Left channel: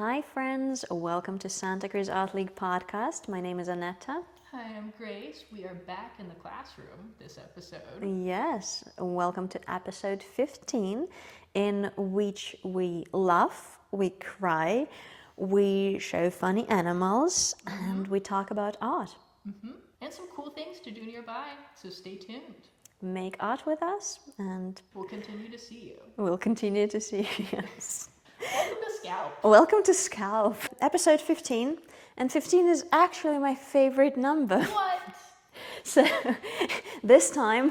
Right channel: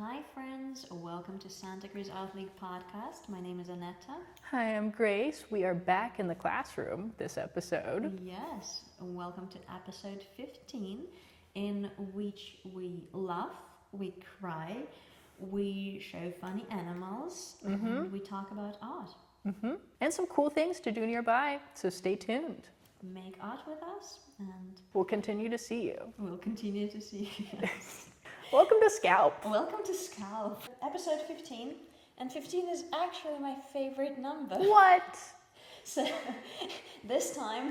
Hi friends, welcome to Santa Cruz Art League podcast. My name is Anetta. Hi, I'm Grace. We are back in the classroom this episode. Yes, welcome to episode 15, in which we laugh, we cry, we show funny animals, and we talk about art. And some cool things to do nearby, so stay tuned. Make art with us, and We'll continue to see you. we'll continue to see you. Yes. Welcome to SCAL. Welcome to SCAL, episode 15, and 15 is actually my favorite number. What? So this time,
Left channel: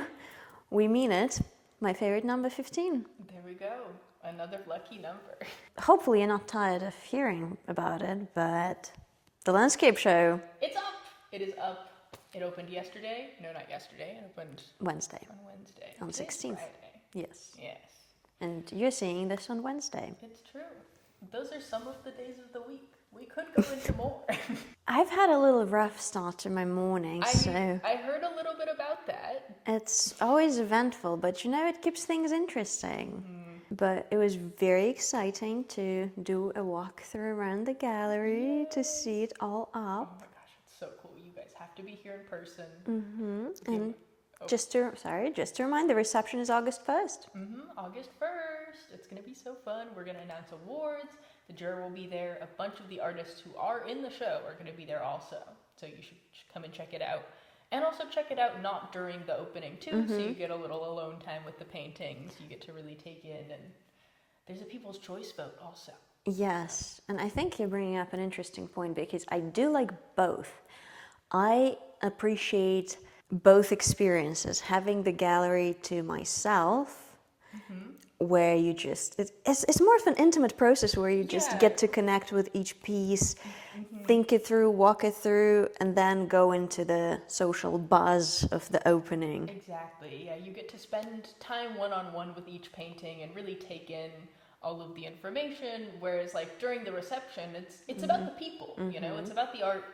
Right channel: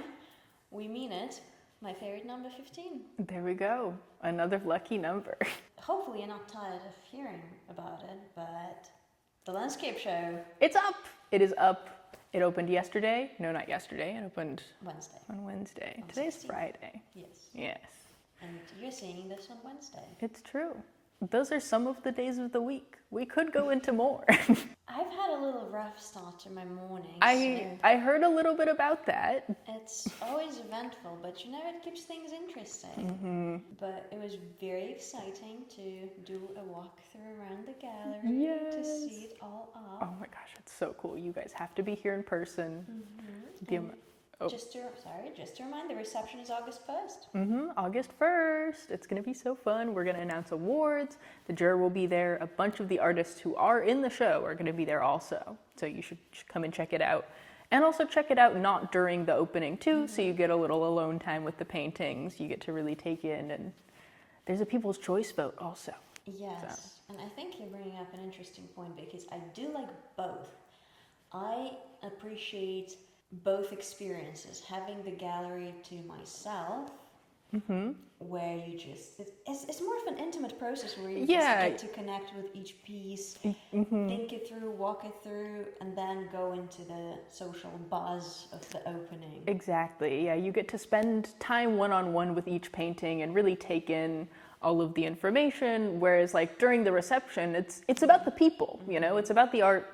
we mean it, my favorite number 15. There we go. Another lucky number. Hopefully you're not tired of hearing about it, but the landscape show, It's up. It is up. It opened yesterday. No, not yesterday. It opened Wednesday. on Wednesday. On Today's 16th. Friday. Yes. Yes, And you're seeing this on Wednesday. it's true. Those are some of the days of the week. We could go into more. I've had a little rough start to my morning, so I heard a little bit about that. it's always eventful, but you know, it keeps things interesting. But it was very exciting to do a walkthrough around the gallery to see it all Oh up. my gosh, it's so cool. You guys have to be here in person. And just to remind, the reception is August 1st. August 1st. It's going to be so fun. We're going to announce awards. The juror will be there. A bunch of the artists who are in the show are going to be there also. So you should come and check it out. And also check it out not during the opening too, so you get a little alone time with the paintings. You get to really take in, and there's a People's Choice vote also. Yes, and I think you're bringing up an interesting point because I do like both. I appreciate both experiences, having the gallery to myself, where you just, it's more of an intimate process where you just Yeah. get to connect with each piece, think it through, walk it through, and then go into the social buzz of the opening. Exactly. Yeah, you get to spend time one-on-one with each painting and really take in all of the information, whereas like during the reception, it's about the people, you know, it's about the art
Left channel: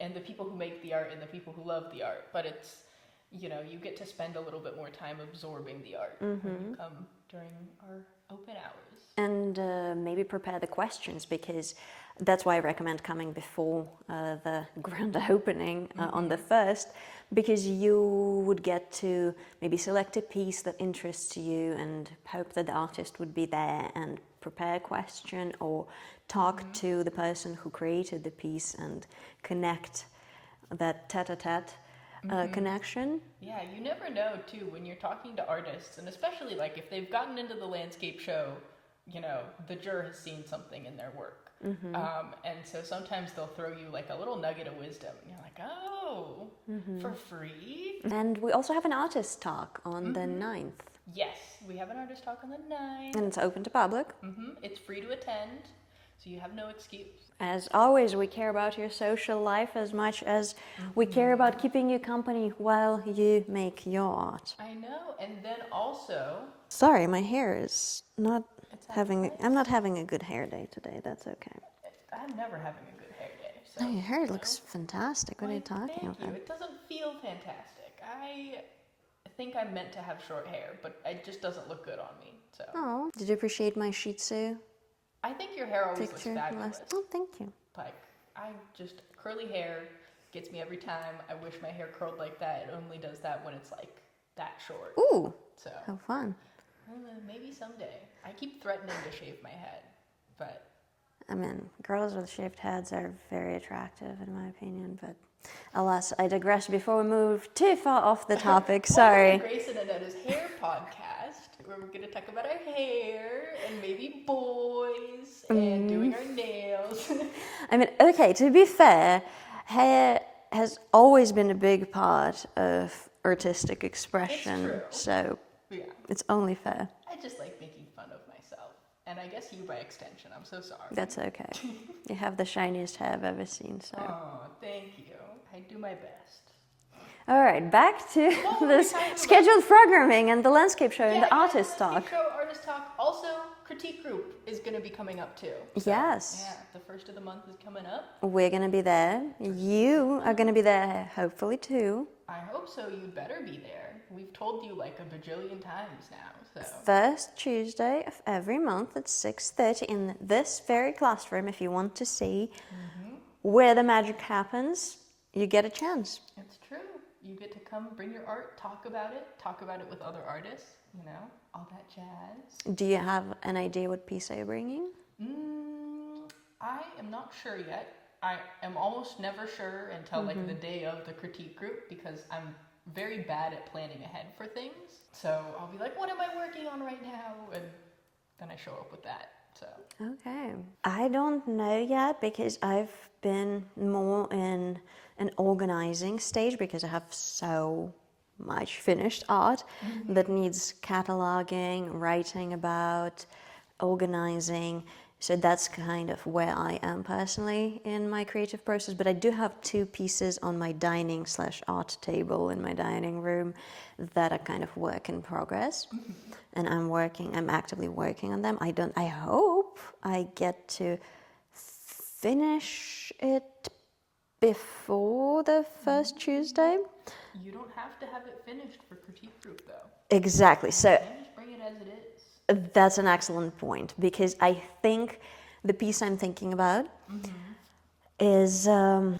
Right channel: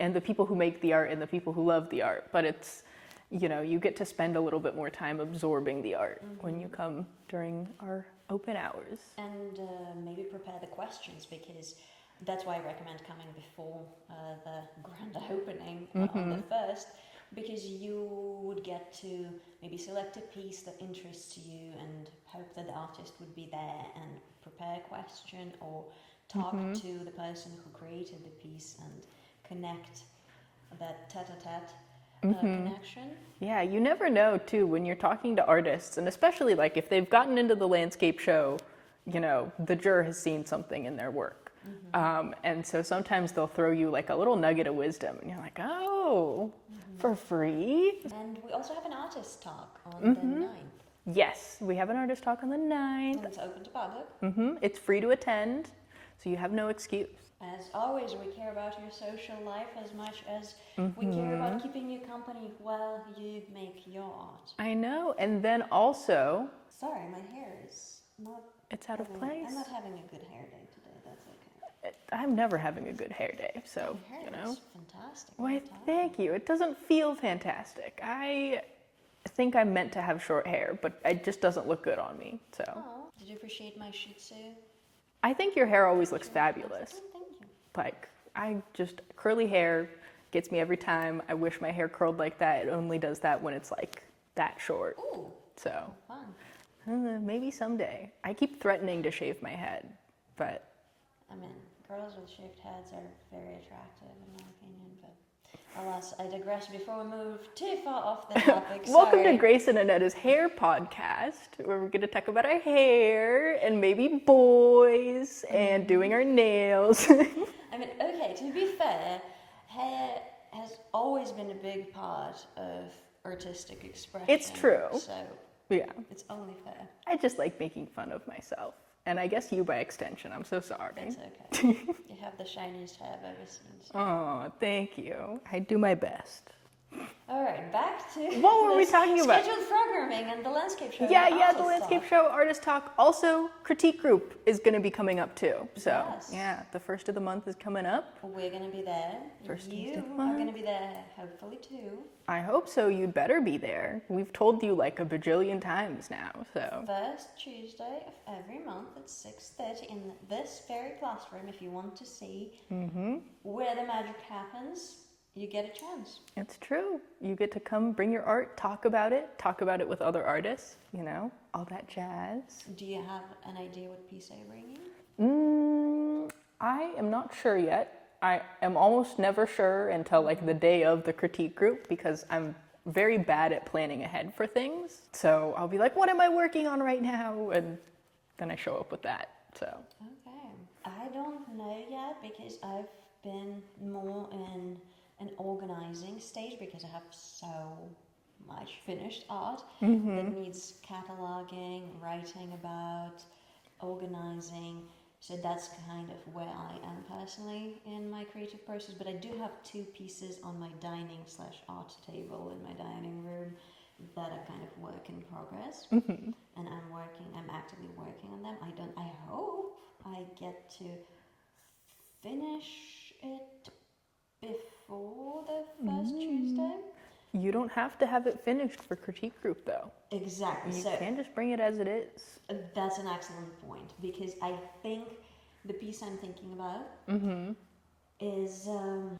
and the people who make the art and the people who love the art, but it's, you know, you get to spend a little bit more time absorbing the art when you come during our open hours. And maybe prepare the questions, because that's why I recommend coming before the grand opening on the 1st, because you would get to maybe select a piece that interests you and hope that the artist would be there and prepare a question or talk to the person who created the piece and connect that tete-a-tete connection. Yeah, you never know too when you're talking to artists, and especially like if they've gotten into the landscape show, you know, the juror has seen something in their work. And so sometimes they'll throw you like a little nugget of wisdom, and you're like, oh, for free? And we also have an artist talk on the 9th, Yes, we have an artist talk on the 9th. and it's open to public. It's free to attend, so you have no excuse. As always, we care about your social life as much as we care about keeping you company while you make your art. I know, and then also, Sorry, my hair is not It's out of having. place? I'm not having a good hair day today. That's okay. I'm never having a good hair day, so. Your hair you know. looks fantastic. What are Why, you talking thank you. about? It doesn't feel fantastic. I think I'm meant to have short hair, but it just doesn't look good on me. So Oh, did you appreciate my Shih Tzu? I think your hair always looks picture fabulous. last- Oh, thank you. Like, I just, curly hair gets me every time. I wish my hair curled like that. It only does that when it's like that short. Ooh, So how fun. maybe someday. I keep threatening to shave my head, but I mean, girls with shaved heads are very attractive, in my opinion. But alas, I digress. Before we move too far off the topic, welcome sorry. to Grace and Anetta's hair podcast, where we're going to talk about our hair and maybe boys and doing our nails. I mean, okay, to be fair, hair has always been a big part of artistic expression. true. So Yeah, it's only fair. I just like making fun of myself. And I guess you by extension. I'm so sorry. That's okay. You have the shiniest hair I've ever seen. So. Oh, thank you. I do my best. All right, back to What were we this talking about? scheduled programming and the landscape show and the the artist landscape talk. show, artist talk. Also, critique group is going to be coming up too. So, Yes. Yeah, the first of the month is coming up. We're going to be there. You are going to be there, hopefully, too. I hope so. You'd better be there. We've told you like a bajillion times now. So First Tuesday of every month at 6:30 in this very classroom. If you want to see where the magic happens, you get a chance. it's true. You get to come, bring your art, talk about it with other artists. You know, all that jazz. Do you have an idea what piece are you bringing? I am not sure yet. I am almost never sure until like the day of the critique group because I'm very bad at planning ahead for things. So I'll be like, what am I working on right now? And then I show up with that. So Okay. I don't know yet because I've been more in an organizing stage because I have so much finished art that needs cataloging, writing about, organizing. So that's kind of where I am personally in my creative process. But I do have 2 pieces on my dining/art table in my dining room that are kind of work in progress. And I'm actively working on them. I hope I get to finish it before the first Tuesday. you don't have to have it finished for critique group though. Exactly. So You can just bring it as it is. that's an excellent point because I think the piece I'm thinking about is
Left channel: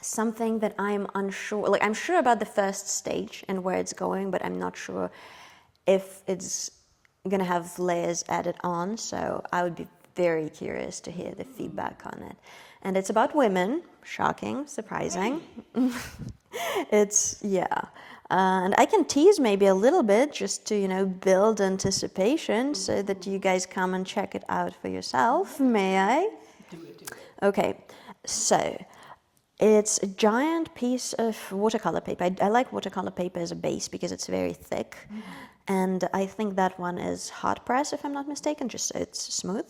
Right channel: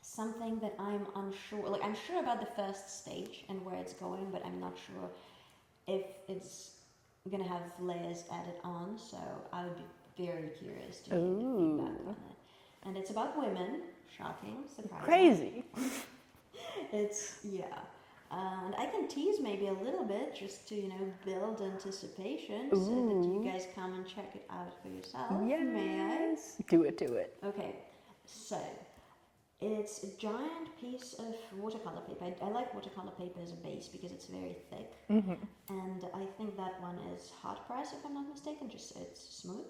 something that I'm unsure. Like I'm sure about the first stage and where it's going, but I'm not sure if it's gonna have layers added on. So I would be very curious to hear the feedback on it. And it's about women. Shocking, surprising. Crazy. And I can tease maybe a little bit just to build anticipation so that you guys come and check it out for yourself. May I? Do it. Okay, so it's a giant piece of watercolor paper. I like watercolor paper as a base because it's very thick, and I think that one is hot press if I'm not mistaken, just so it's smooth.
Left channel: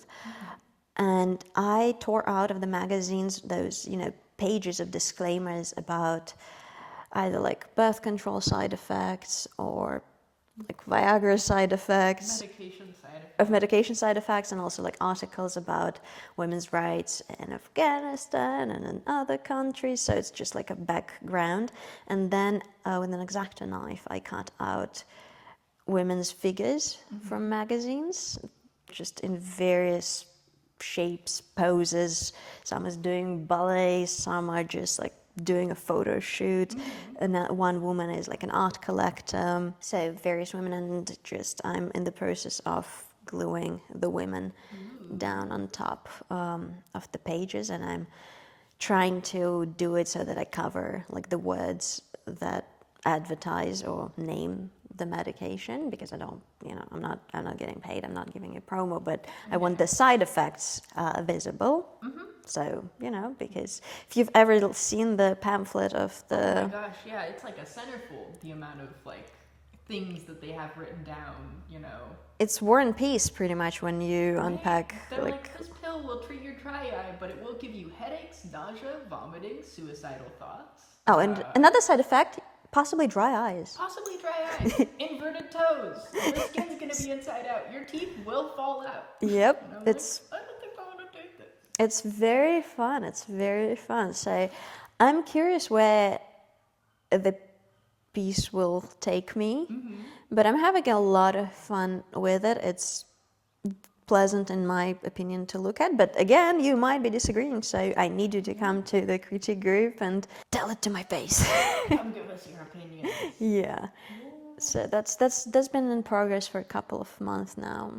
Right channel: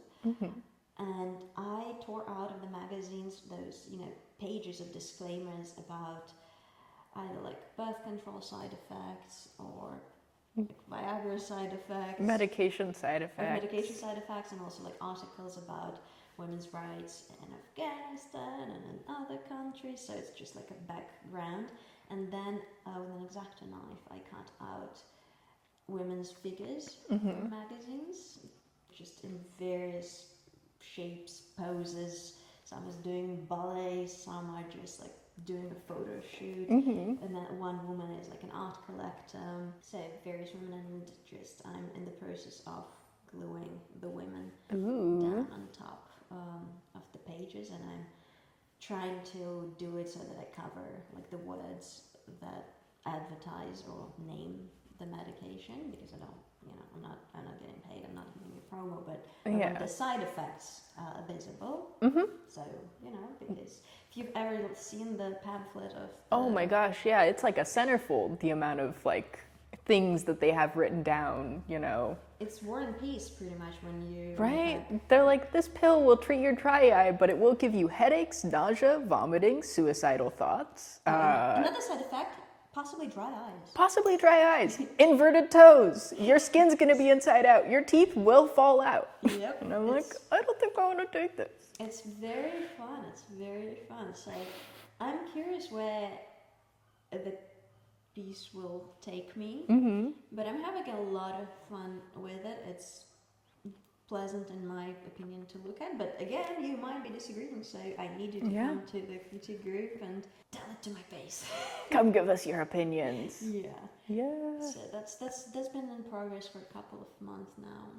And I tore out of the magazines those pages of disclaimers about either like birth control side effects or like Viagra side effects, Medication side effects. of medication side effects, and also like articles about women's rights in Afghanistan and in other countries. So it's just like a background. And then with an X-Acto knife, I cut out women's figures from magazines, just in various shapes, poses. Some is doing ballet, some are just like doing a photo shoot, and that one woman is like an art collector. So various women, and just I'm in the process of gluing the women down on top of the pages, and I'm trying to do it so that I cover like the words that advertise or name the medication, because I don't, I'm not getting paid, I'm not giving a promo, but I want the side effects visible. So, because if you've ever seen the pamphlet of the... Oh my gosh, yeah, it's like a centerfold, the amount of like things that they have written down, It's War and Peace pretty much when you unpack. They're like, this pill will treat your dry eye, but it will give you headaches, nausea, vomiting, suicidal thoughts. Oh, and another side effect, possibly dry eyes. Possibly dry eyes, inverted toes, your skin's gonna be inside out, your teeth will fall out. Yep. And I'm like, I don't think I wanna take this. It's very fun. It's very fun. So I'm curious where the piece will take me, but I'm having a lot of fun with it. It's pleasant in my opinion to look at, but again, you might be disagreeing, so I need you to come to the critique group and tell it to my face. Come give us your opinions. Yeah. So that's been in progress for a couple of months now.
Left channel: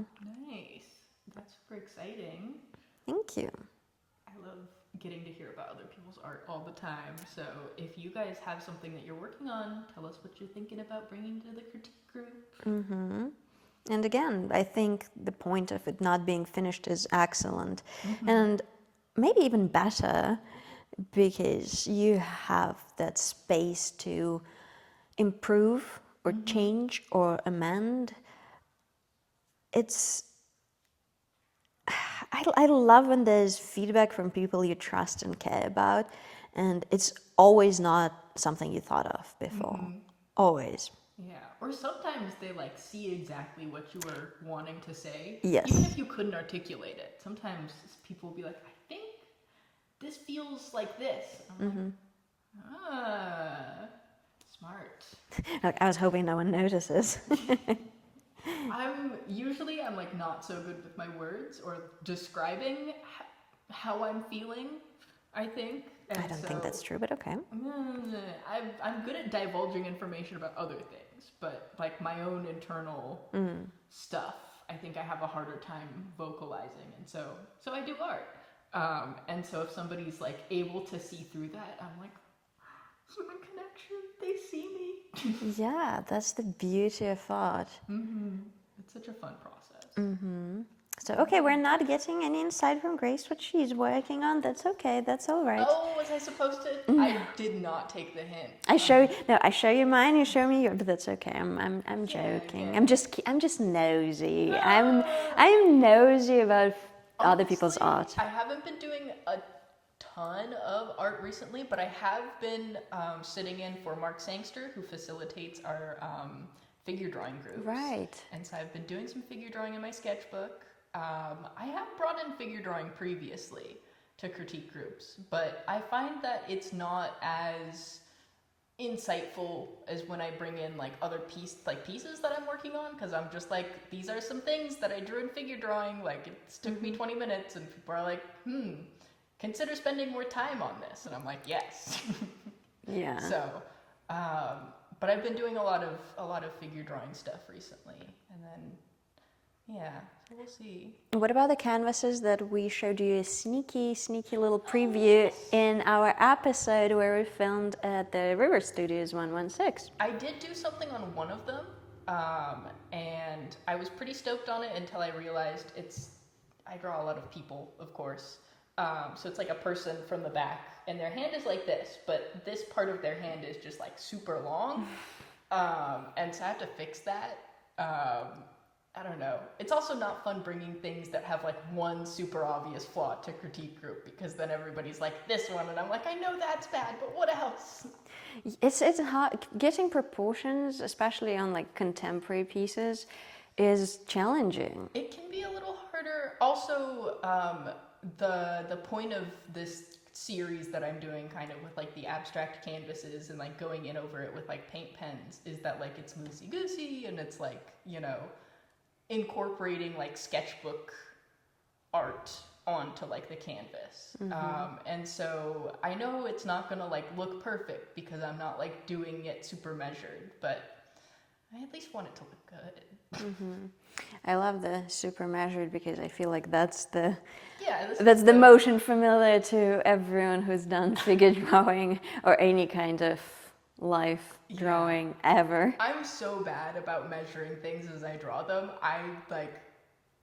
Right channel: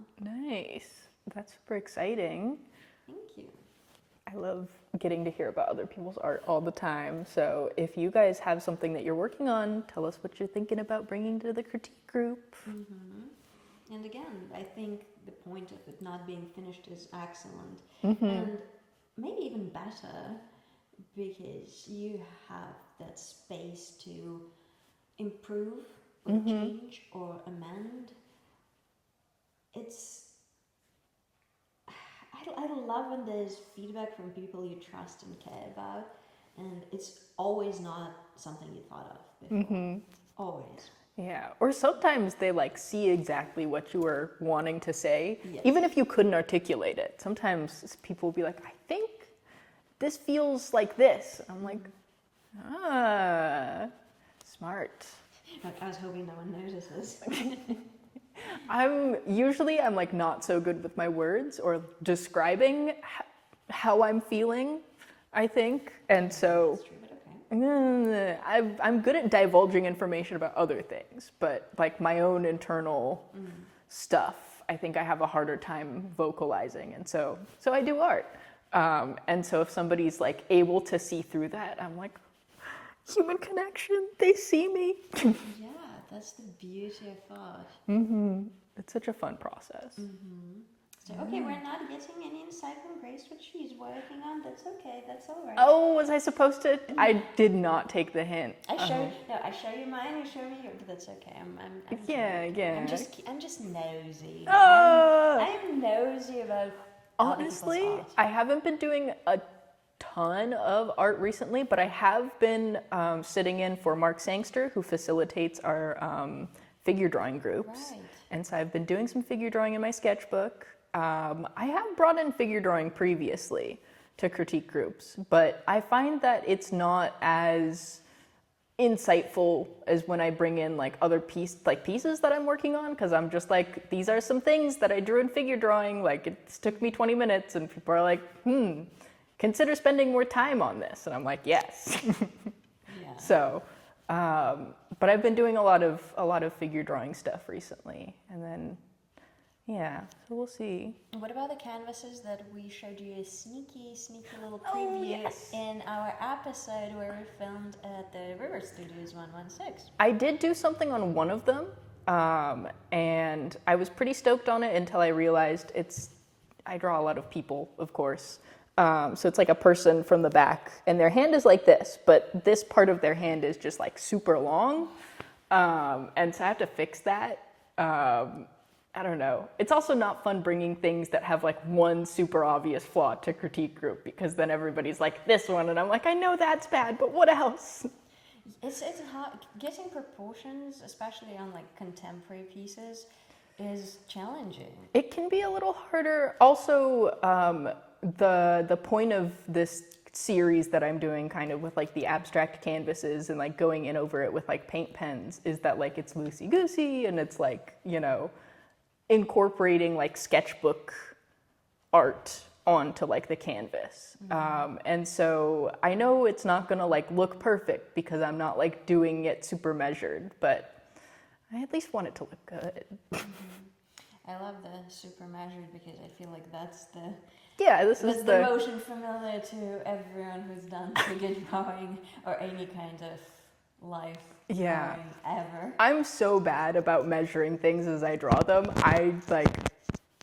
Nice. That's super exciting. Thank you. I love getting to hear about other people's art all the time. So if you guys have something that you're working on, tell us what you're thinking about bringing to the critique group. And again, I think the point of it not being finished is excellent. And maybe even better because you have that space to improve or change or amend. I love when there's feedback from people you trust and care about, and it's always not something you thought of before. Always. Yeah, or sometimes they like see exactly what you were wanting to say, Yes. even if you couldn't articulate it. Sometimes people will be like, I think this feels like this. I'm like, smart. I was hoping no one notices. I'm like not so good with my words or describing how I'm feeling, I think. And I don't so think that's true, but okay. I'm good at divulging information about other things, but like my own internal stuff, I think I have a harder time vocalizing. And so I do art. And so if somebody's like able to see through that, I'm like, human connection, they see me. Yeah, that's the beauty of art. It's such a fun process. So, okay, we're not getting any insight from Grace what she's working on. That's okay. That's all right. Oh, was I supposed to? I did not take the hint. I show you mine. You show me yours, but that's okay. I'm joking. yeah. I'm just nosy. Oh. I'm nosy about other Honestly, people's art. I haven't been doing a ton of art recently, but I have been sitting in for Mark Sangster, who facilitates our figure drawing groups. Right. And so I've been doing some figure drawing in my sketchbook. I have brought in figure drawing previously to critique groups, but I find that it's not as insightful as when I bring in like other pieces that I'm working on, because I'm just like, these are some things that I drew in figure drawing, like it took me 20 minutes, and people are like, consider spending more time on this, and I'm like, yes. Yeah. So, but I've been doing a lot of figure drawing stuff recently, and then so we'll see. What about the canvases that we showed you a sneaky little preview in our episode where we filmed at the River Studios 116? I did do something on one of them, and I was pretty stoked on it until I realized I draw a lot of people, of course. So it's like a person from the back, and their hand is like this, but this part of their hand is just like super long, and so I have to fix that. I don't know. It's also not fun bringing things that have like one super obvious flaw to critique group, because then everybody's like, this one, and I'm like, I know that's bad, but what else? It's hard. Getting proportions, especially on like contemporary pieces, is challenging. It can be a little harder. Also, the point of this series that I'm doing kind of with like the abstract canvases and like going in over it with like paint pens is that like it's loosey-goosey, and it's like, incorporating like sketchbook art onto like the canvas. And so I know it's not gonna like look perfect because I'm not like doing it super measured, but I at least want it to look good. I love the super measured because I feel like that's the that's the motion familiar to everyone who's done figure drawing or any kind of life drawing ever. I'm so bad about measuring things as I draw them. I like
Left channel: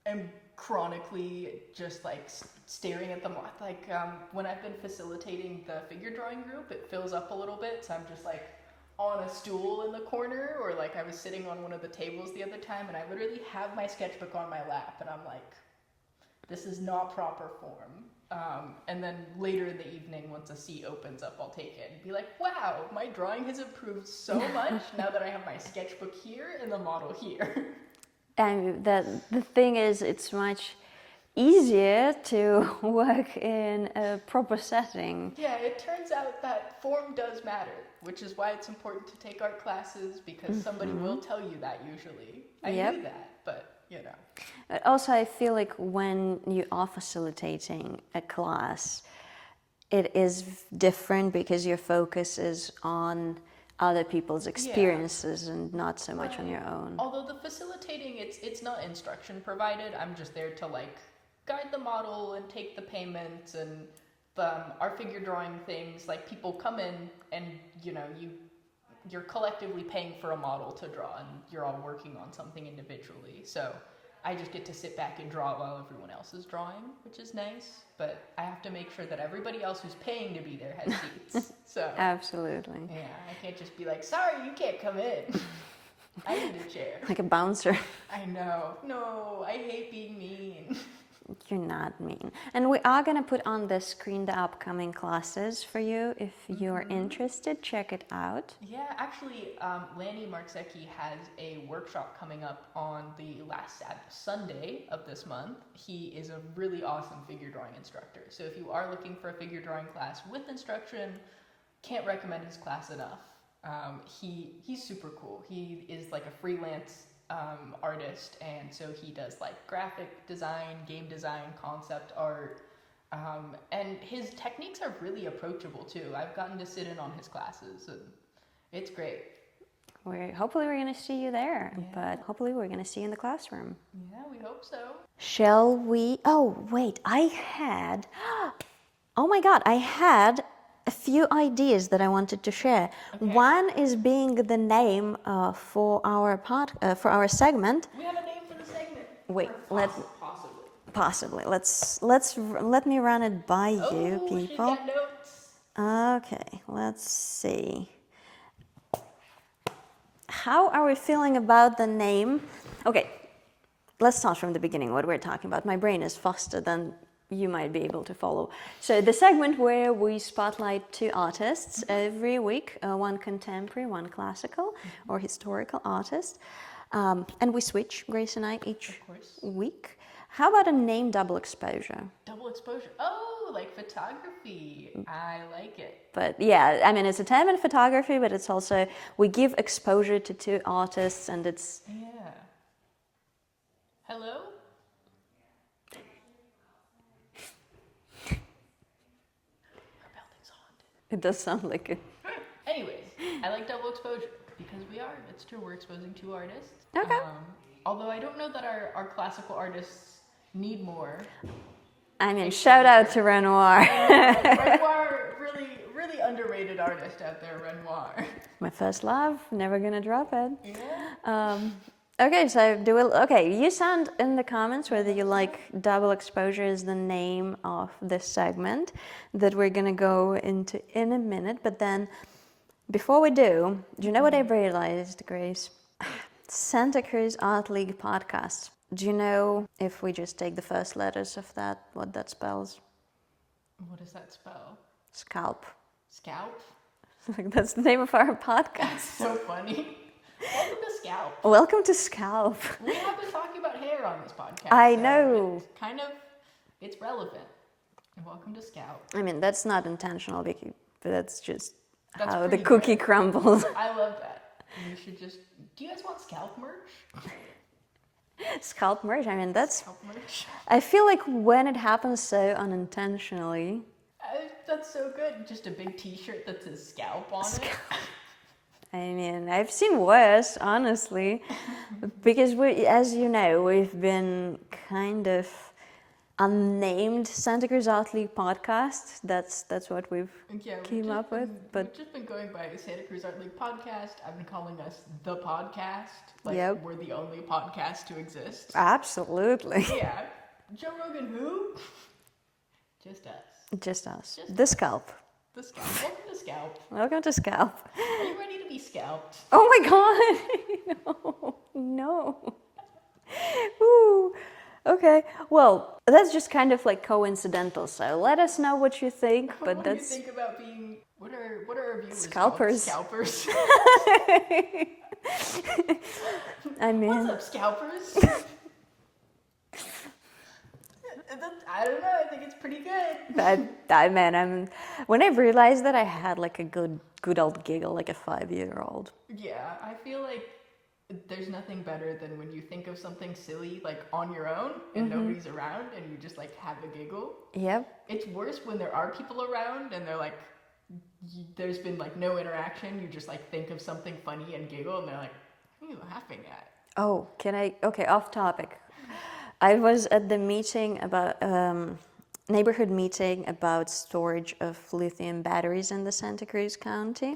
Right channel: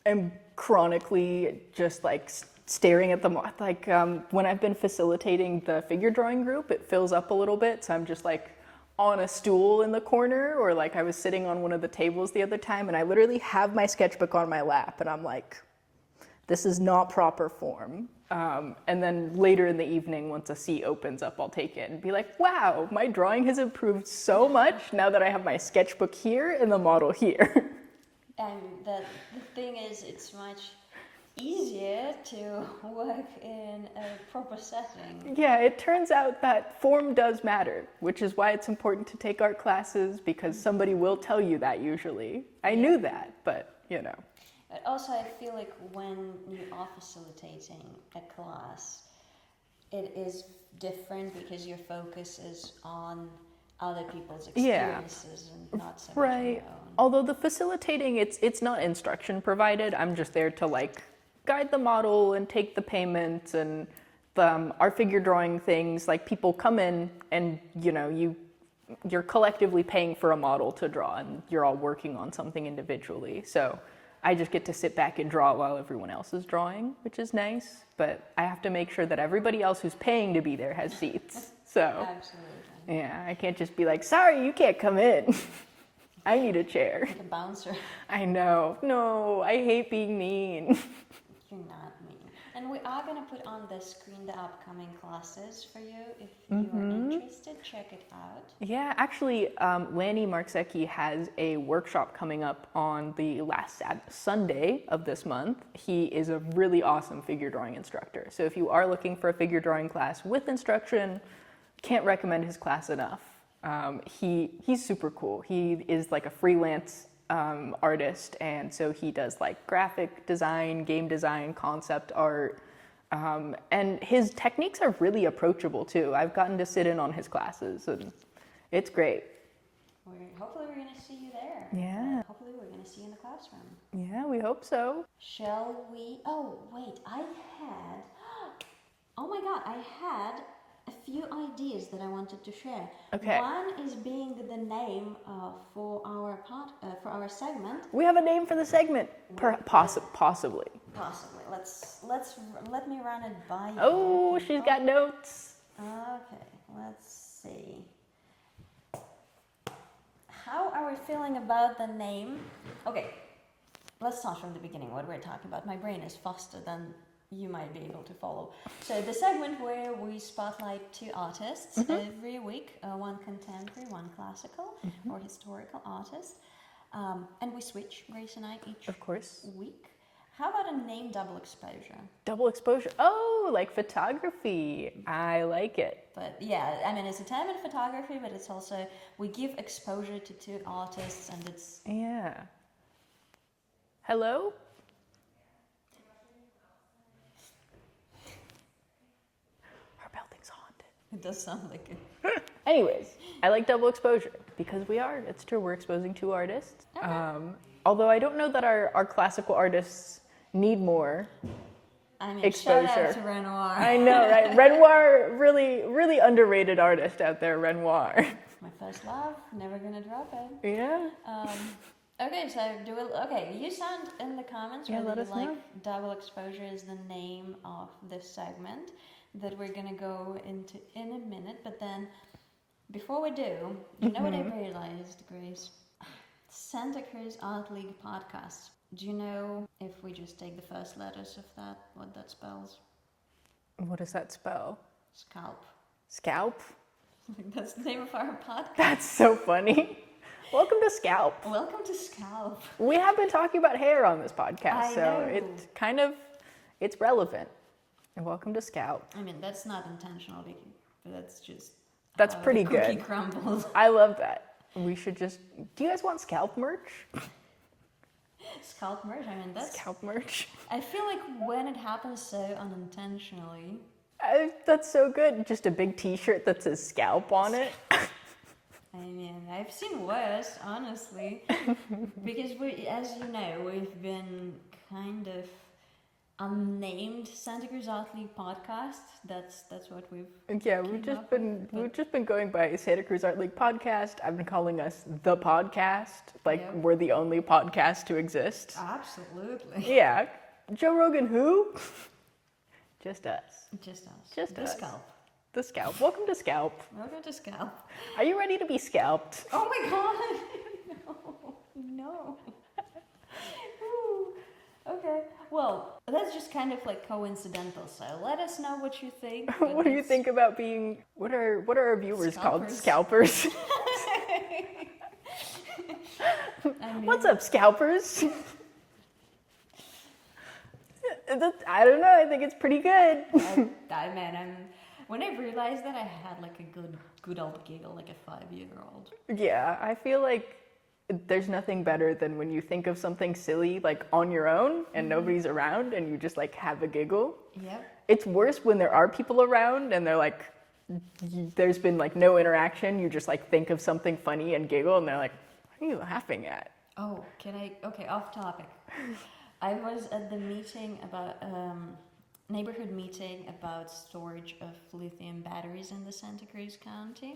am chronically just like staring at them. Like when I've been facilitating the figure drawing group, it fills up a little bit, so I'm just like on a stool in the corner, or like I was sitting on one of the tables the other time, and I literally have my sketchbook on my lap, and I'm like, this is not proper form. And then later in the evening, once a seat opens up, I'll take it and be like, wow, my drawing has improved so much now that I have my sketchbook here and the model here. And the thing is, it's much easier to work in a proper setting. Yeah, it turns out that form does matter, which is why it's important to take art classes, because somebody will tell you that usually. I knew that, but But also, I feel like when you are facilitating a class, it is different because your focus is on other people's experiences and not so much on your own. Although the facilitating, it's not instruction provided. I'm just there to like guide the model and take the payments, and our figure drawing things. Like people come in and you're collectively paying for a model to draw, and you're all working on something individually. So I just get to sit back and draw while everyone else is drawing, which is nice. But I have to make sure that everybody else who's paying to be there has seats. So Absolutely. yeah, I can't just be like, sorry, you can't come in. I need a chair. Like a bouncer. I know. No, I hate being mean. You're not mean. And we are going to put on the screen the upcoming classes for you. If you're interested, check it out. Yeah, actually, Lanny Marczecki has a workshop coming up on the last Sunday of this month. He is a really awesome figure drawing instructor. So if you are looking for a figure drawing class with instruction, can't recommend his class enough. He's super cool. He is like a freelance artist, and so he does like graphic design, game design, concept art, and his techniques are really approachable too. I've gotten to sit in on his classes, and it's great. Hopefully we're going to see you there. Yeah. But hopefully we're going to see you in the classroom. Yeah, we hope so. Shall we? Oh, wait, oh my God, I had a few ideas that I wanted to share. Okay. One is being the name for our segment. We have a name for the segment. Wait, possibly. Possibly. Let me run it by you, Oh, people. she's got notes. Okay, let's see. How are we feeling about the name? Okay, let's start from the beginning, what we're talking about. My brain is faster than you might be able to follow. So the segment where we spotlight two artists every week, one contemporary, one classical or historical artist. And we switch, Grace and I, each week. How about a name double exposure? Double exposure. Oh, like photography. I like it. But yeah, I mean, it's a term in photography, but it's also, we give exposure to two artists, and it's... Yeah. Hello? Our building's haunted. It does sound like it. Anyways, I like double exposure because it's true, we're exposing two artists. Okay. Although I don't know that our classical artists need more. I mean, exposure. shout out to Renoir. I know, right? Renoir, really underrated artist out there, Renoir. My first love, never gonna drop it. Yeah. Okay, so you sound in the comments whether you like double exposure is the name of this segment that we're gonna go into in a minute. But then, before we do you know what I realized, Grace? Santa Cruz Art League podcast. Do you know, if we just take the first letters of that, what that spells? What does that spell? Scalp. Scalp? That's the name of our podcast. That's so funny. Welcome to Scalp. Welcome to Scalp. We have been talking about hair on this podcast. I so know. It's relevant. And welcome to Scalp. I mean, that's not intentional, Vicky, but that's just That's how pretty the cookie good. crumbles. I love that. We should do you guys want Scalp merch? Scalp merch, I mean, that's... Scalp merch. I feel like when it happens so unintentionally... That's so good. Just a big t-shirt that says Scalp on it. I mean, I've seen worse, honestly. Because, as you know, we've been kind of unnamed Santa Cruz Art League podcast. That's what we've came up with. We've just been going by Santa Cruz Art League podcast. I've been calling us the podcast. We're the only podcast to exist. Absolutely. Yeah. Joe Rogan who? Just us. Just us. Just the us. Scalp. The Scalp. Welcome to Scalp. Welcome to Scalp. Are you ready to be scalped? Oh my God. No. Ooh. Okay. Well, that's just kind of like coincidental. So let us know what you think. But what do you think about being? What are our viewers Scalpers. called? Scalpers. I mean, what's up, scalpers? I don't know. I think it's pretty good. When I realized that, I had like a good old giggle, like a 5-year-old. Yeah, I feel like there's nothing better than when you think of something silly like on your own and nobody's around and you just like have a giggle. Yep. It's worse when there are people around and they're like, there's been like no interaction. You just like think of something funny and giggle and they're like, what are you laughing at? Oh, okay, off topic. I was at the meeting about neighborhood meeting about storage of lithium batteries in the Santa Cruz County.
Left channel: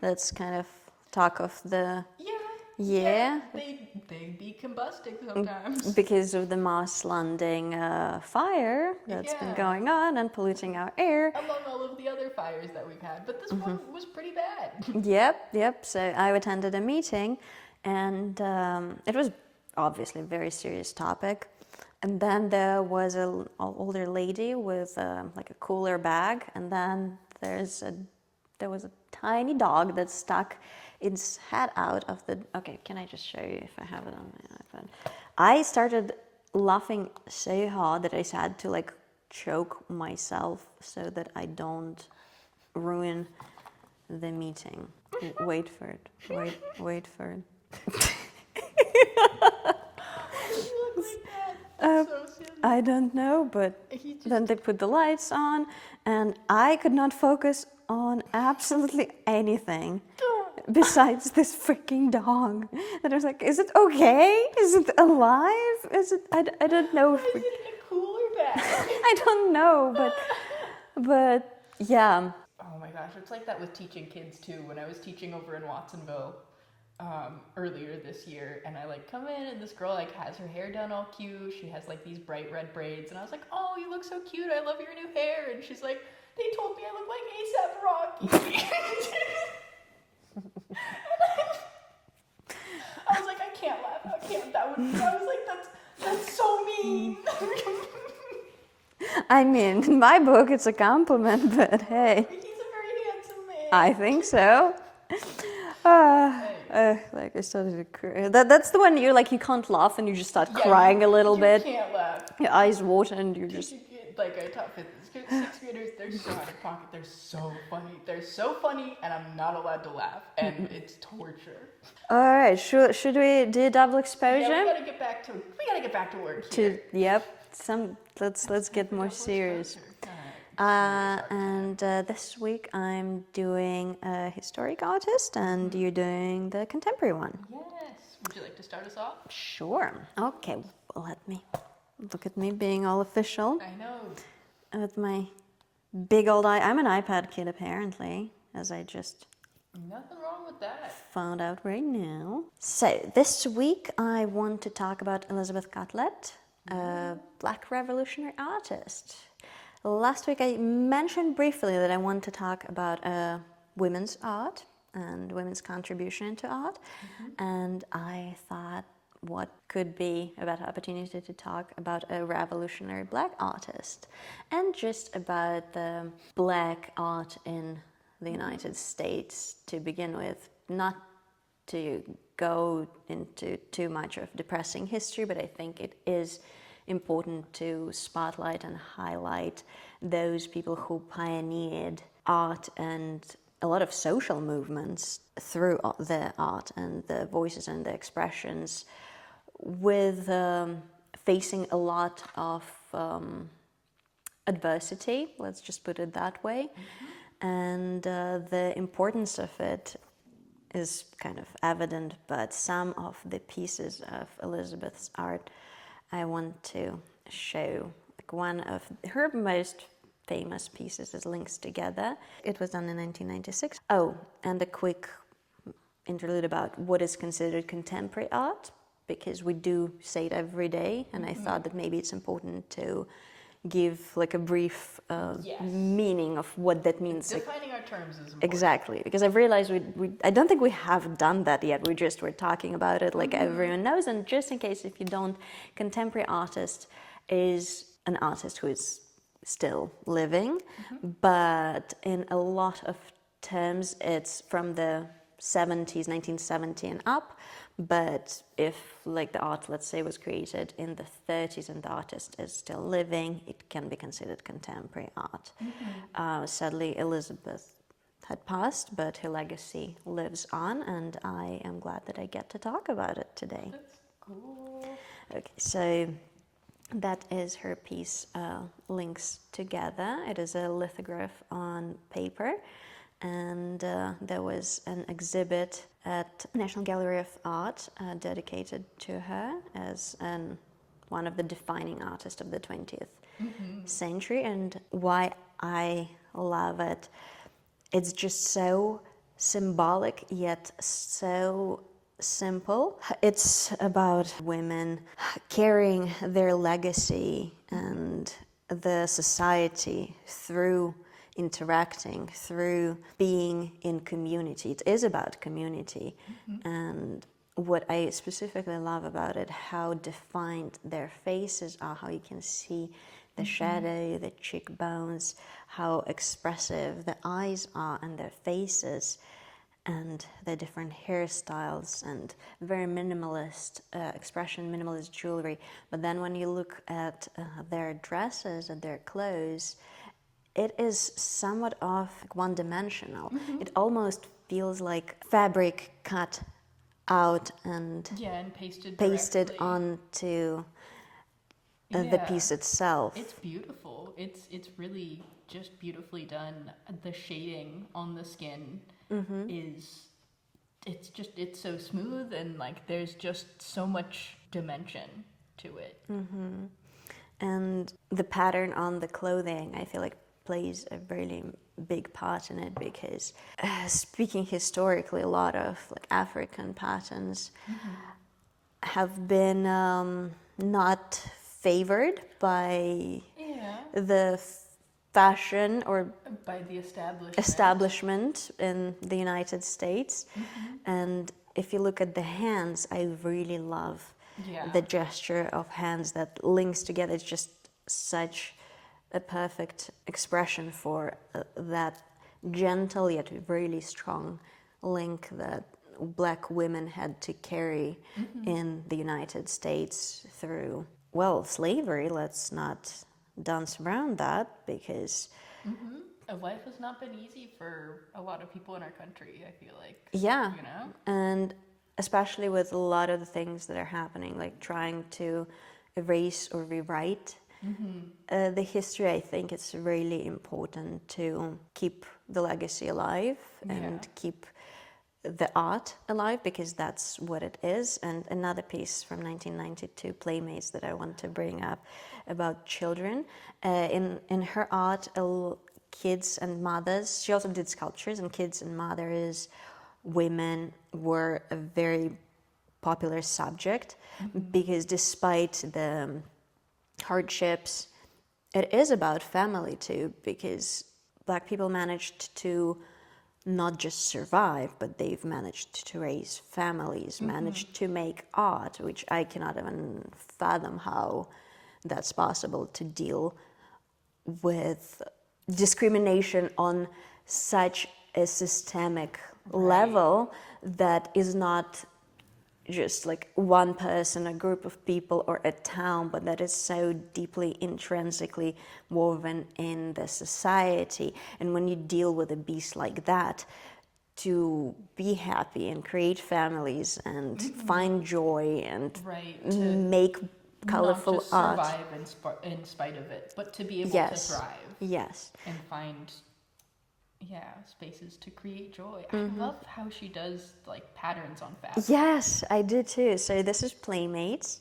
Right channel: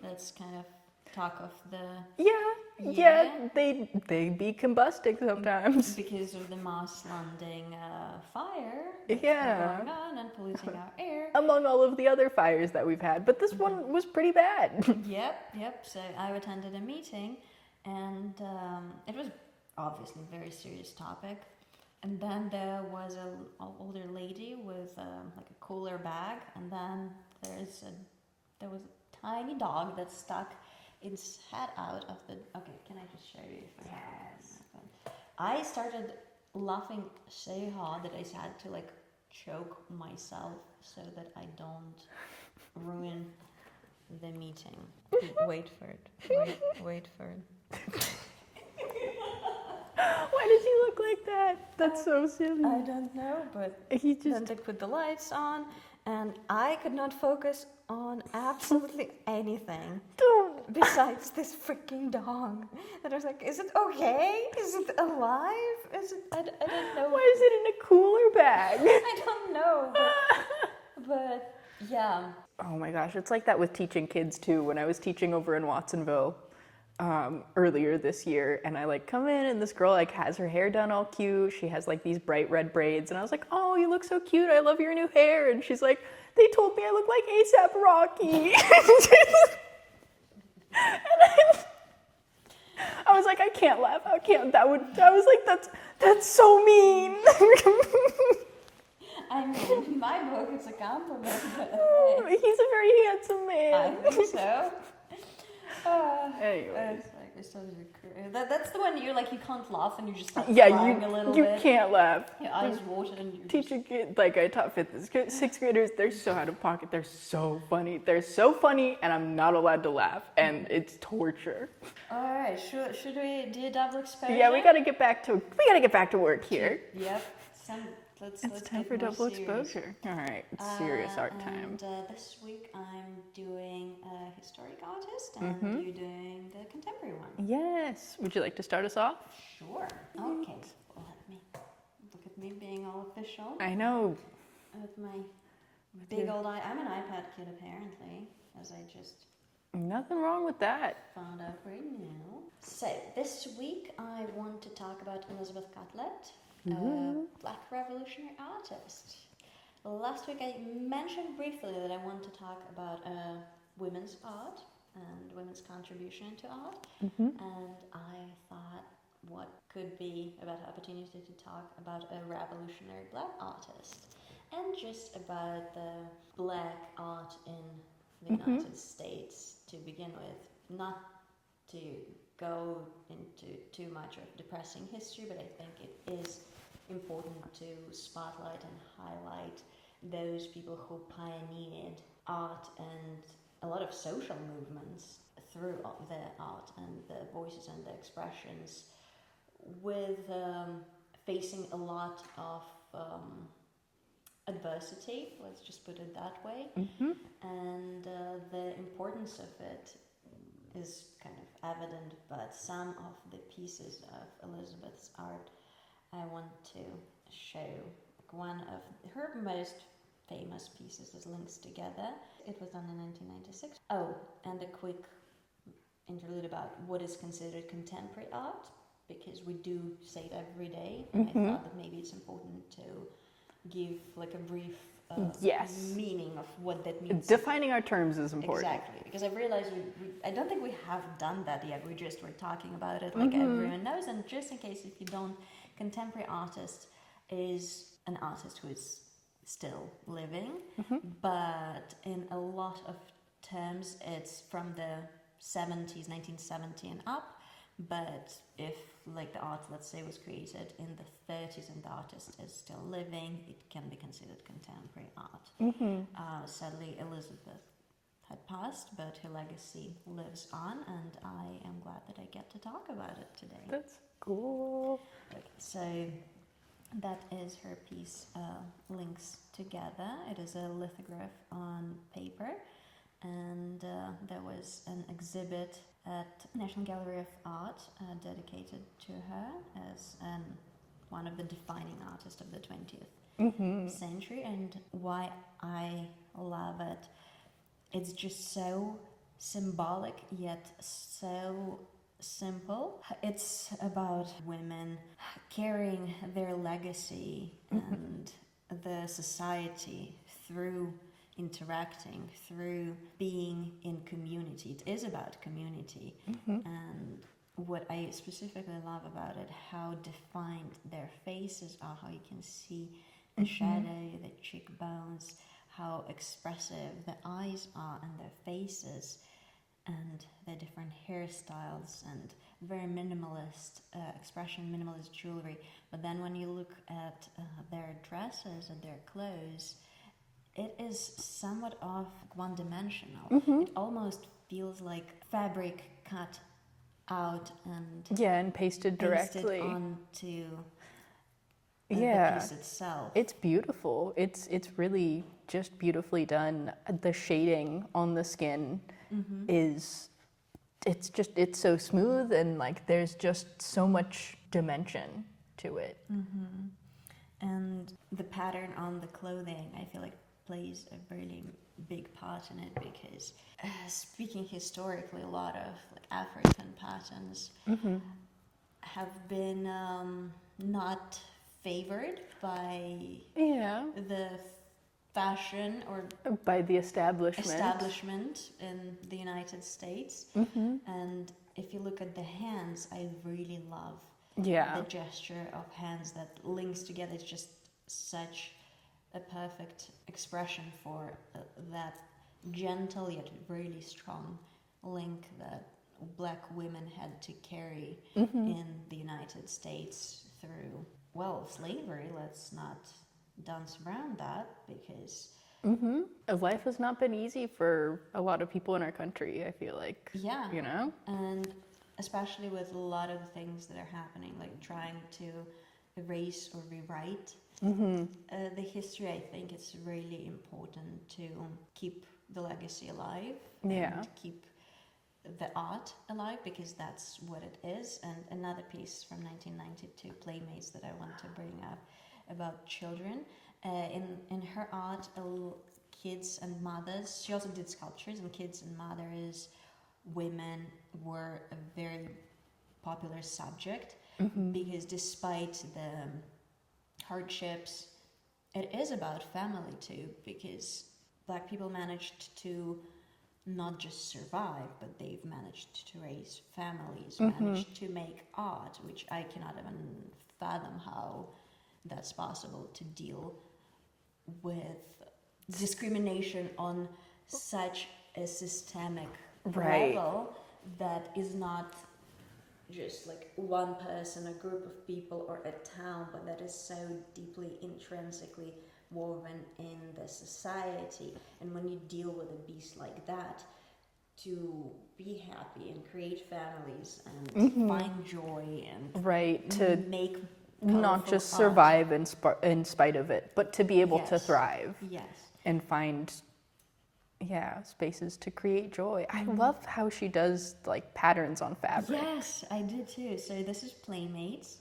That's kind of talk of the they be combusting sometimes because of the Mars Landing fire that's been going on and polluting our air. Among all of the other fires that we've had, but this one was pretty bad. Yep. So I attended a meeting, and it was obviously a very serious topic. And then there was an older lady with like a cooler bag, and then there was a tiny dog that stuck its head out of the. Okay, can I just show you if I have it on my iPhone? I started laughing so hard that I had to like choke myself so that I don't ruin the meeting. Wait for it. Wait for it. Why did he look like that? That's so silly. I don't know, but then they put the lights on, and I could not focus on absolutely anything besides this freaking dog. And I was like, is it okay? Is it alive? Is it? I don't know. Why is it in a cooler bag? I don't know, but yeah. Oh my gosh, it's like that with teaching kids too. When I was teaching over in Watsonville earlier this year, and I like come in and this girl like has her hair done all cute. She has like these bright red braids, and I was like, oh, you look so cute. I love your new hair. And she's like, they told me I look like A$AP Rocky. And I was like, I can't laugh. I can't. I was like, that's so mean. I mean, in my book, it's a compliment, but hey. He's a very handsome man. I think so. Like I started to cry. That's the one you can't laugh and you just start crying a little bit. You can't laugh. Your eyes water and you Teach a kid, like I taught fifth, sixth graders. They're so out of pocket. They're so funny. They're so funny, and I'm not allowed to laugh, and it's torture. All right, should we do double exposure? Yeah, we gotta get back to work here. Yep. Let's get more serious. All right, serious art time. And this week I'm doing a historic artist, and you're doing the contemporary one. Yes. Would you like to start us off? Sure. Okay. Well, let me look at me being all official. I know. With my big old eye. I'm an iPad kid apparently, as I just Nothing wrong with that. found out right now. So this week I want to talk about Elizabeth Catlett, a Black revolutionary artist. Last week I mentioned briefly that I want to talk about women's art and women's contribution to art, and I thought what could be a better opportunity to talk about a revolutionary Black artist and just about the Black art in the United States to begin with, not to go into too much of depressing history, but I think it is important to spotlight and highlight those people who pioneered art and a lot of social movements through their art and the voices and the expressions, with facing a lot of adversity, let's just put it that way. And the importance of it is kind of evident, but some of the pieces of Elizabeth's art I want to show. Like one of her most famous pieces is Links Together. It was done in 1996. Oh, and a quick interlude about what is considered contemporary art, because we do say it every day, and I thought that maybe it's important to give like a brief meaning of what that means. Defining our terms is important. Exactly, because I've realized I don't think we have done that yet. We're talking about it like everyone knows. And just in case if you don't, contemporary artist is an artist who is still living, but in a lot of terms it's from the 70s, 1970 and up. But if like the art, let's say, was created in the 30s and the artist is still living, it can be considered contemporary art. Sadly, Elizabeth had passed, but her legacy lives on, and I am glad that I get to talk about it today. That's cool. Okay, so that is her piece, Links Together. It is a lithograph on paper, and there was an exhibit at National Gallery of Art dedicated to her as one of the defining artists of the 20th century. And why I love it, it's just so symbolic yet so simple. It's about women carrying their legacy and the society through interacting, through being in community. It is about community. And what I specifically love about it, how defined their faces are, how you can see the shadow, the cheekbones, how expressive the eyes are and their faces, and the different hairstyles and very minimalist expression, minimalist jewelry. But then when you look at their dresses and their clothes, it is somewhat of one-dimensional. It almost feels like fabric cut out and and pasted pasted directly onto the piece itself. It's beautiful. It's really just beautifully done. The shading on the skin is it's so smooth, and like there's just so much dimension to it. And the pattern on the clothing, I feel like, plays a really big part in it, because speaking historically, a lot of like African patterns have been not favored by the fashion or by the establishment in the United States. And if you look at the hands, I really love the gesture of hands that links together. It's just such a perfect expression for that gentle yet really strong link that Black women had to carry in the United States through, well, slavery. Let's not dance around that, because life has not been easy for a lot of people in our country, I feel like. Yeah. You know? And especially with a lot of the things that are happening, like trying to erase or rewrite the history, I think it's really important to keep the legacy alive and keep the art alive, because that's what it is. And another piece from 1992, Playmates, that I want to bring up about children. In her art, kids and mothers, she also did sculptures, and kids and mothers, women were a very popular subject, because despite the hardships, it is about family too, because Black people managed to not just survive, but they've managed to raise families, managed to make art, which I cannot even fathom how that's possible, to deal with discrimination on such a systemic level that is not just like one person, a group of people, or a town, but that is so deeply intrinsically woven in the society. And when you deal with a beast like that, to be happy and create families and find joy and to make colorful not just art. survive in spite of it, but to be able to thrive and find spaces to create joy. I love how she does like patterns on fabric. Yes, I do too. So this is Playmates,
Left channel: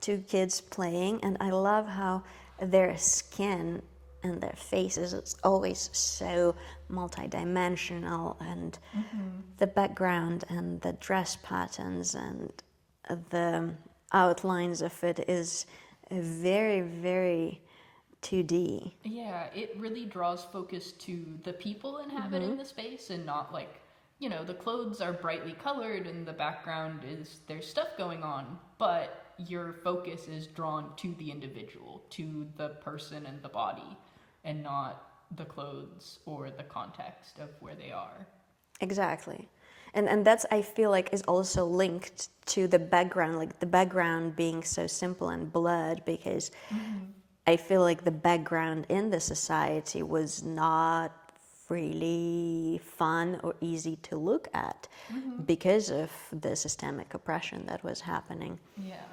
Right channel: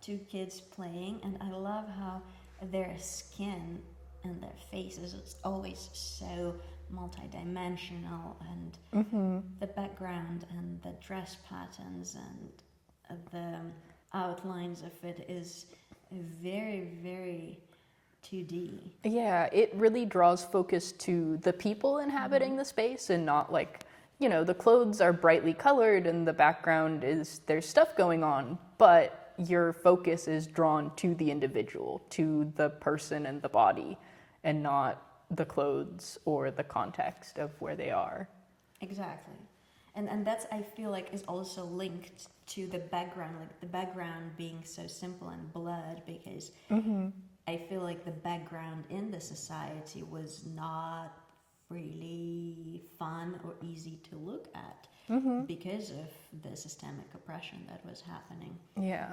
two kids playing, and I love how their skin and their faces is always so multidimensional, and the background and the dress patterns and the outlines of it is very, very 2D. Yeah, it really draws focus to the people inhabiting the space, and not like, you know, the clothes are brightly colored and the background is, there's stuff going on, but your focus is drawn to the individual, to the person and the body, and not the clothes or the context of where they are. Exactly. And that's, I feel like, is also linked to the background, like the background being so simple and blurred, because I feel like the background in the society was not really fun or easy to look at because of the systemic oppression that was happening. Yeah.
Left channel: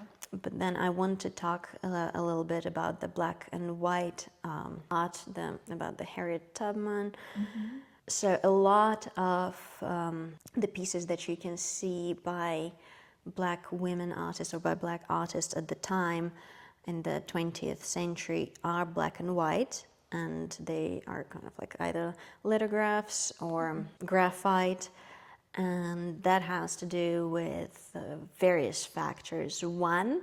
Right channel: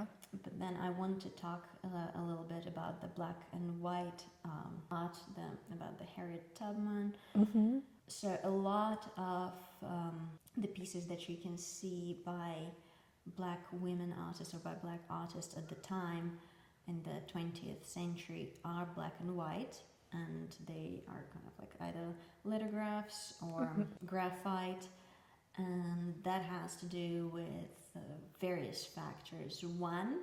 But then I want to talk a little bit about the black and white art, about the Harriet Tubman. So a lot of the pieces that you can see by Black women artists or by Black artists at the time in the 20th century are black and white, and they are kind of like either lithographs or graphite, and that has to do with various factors. One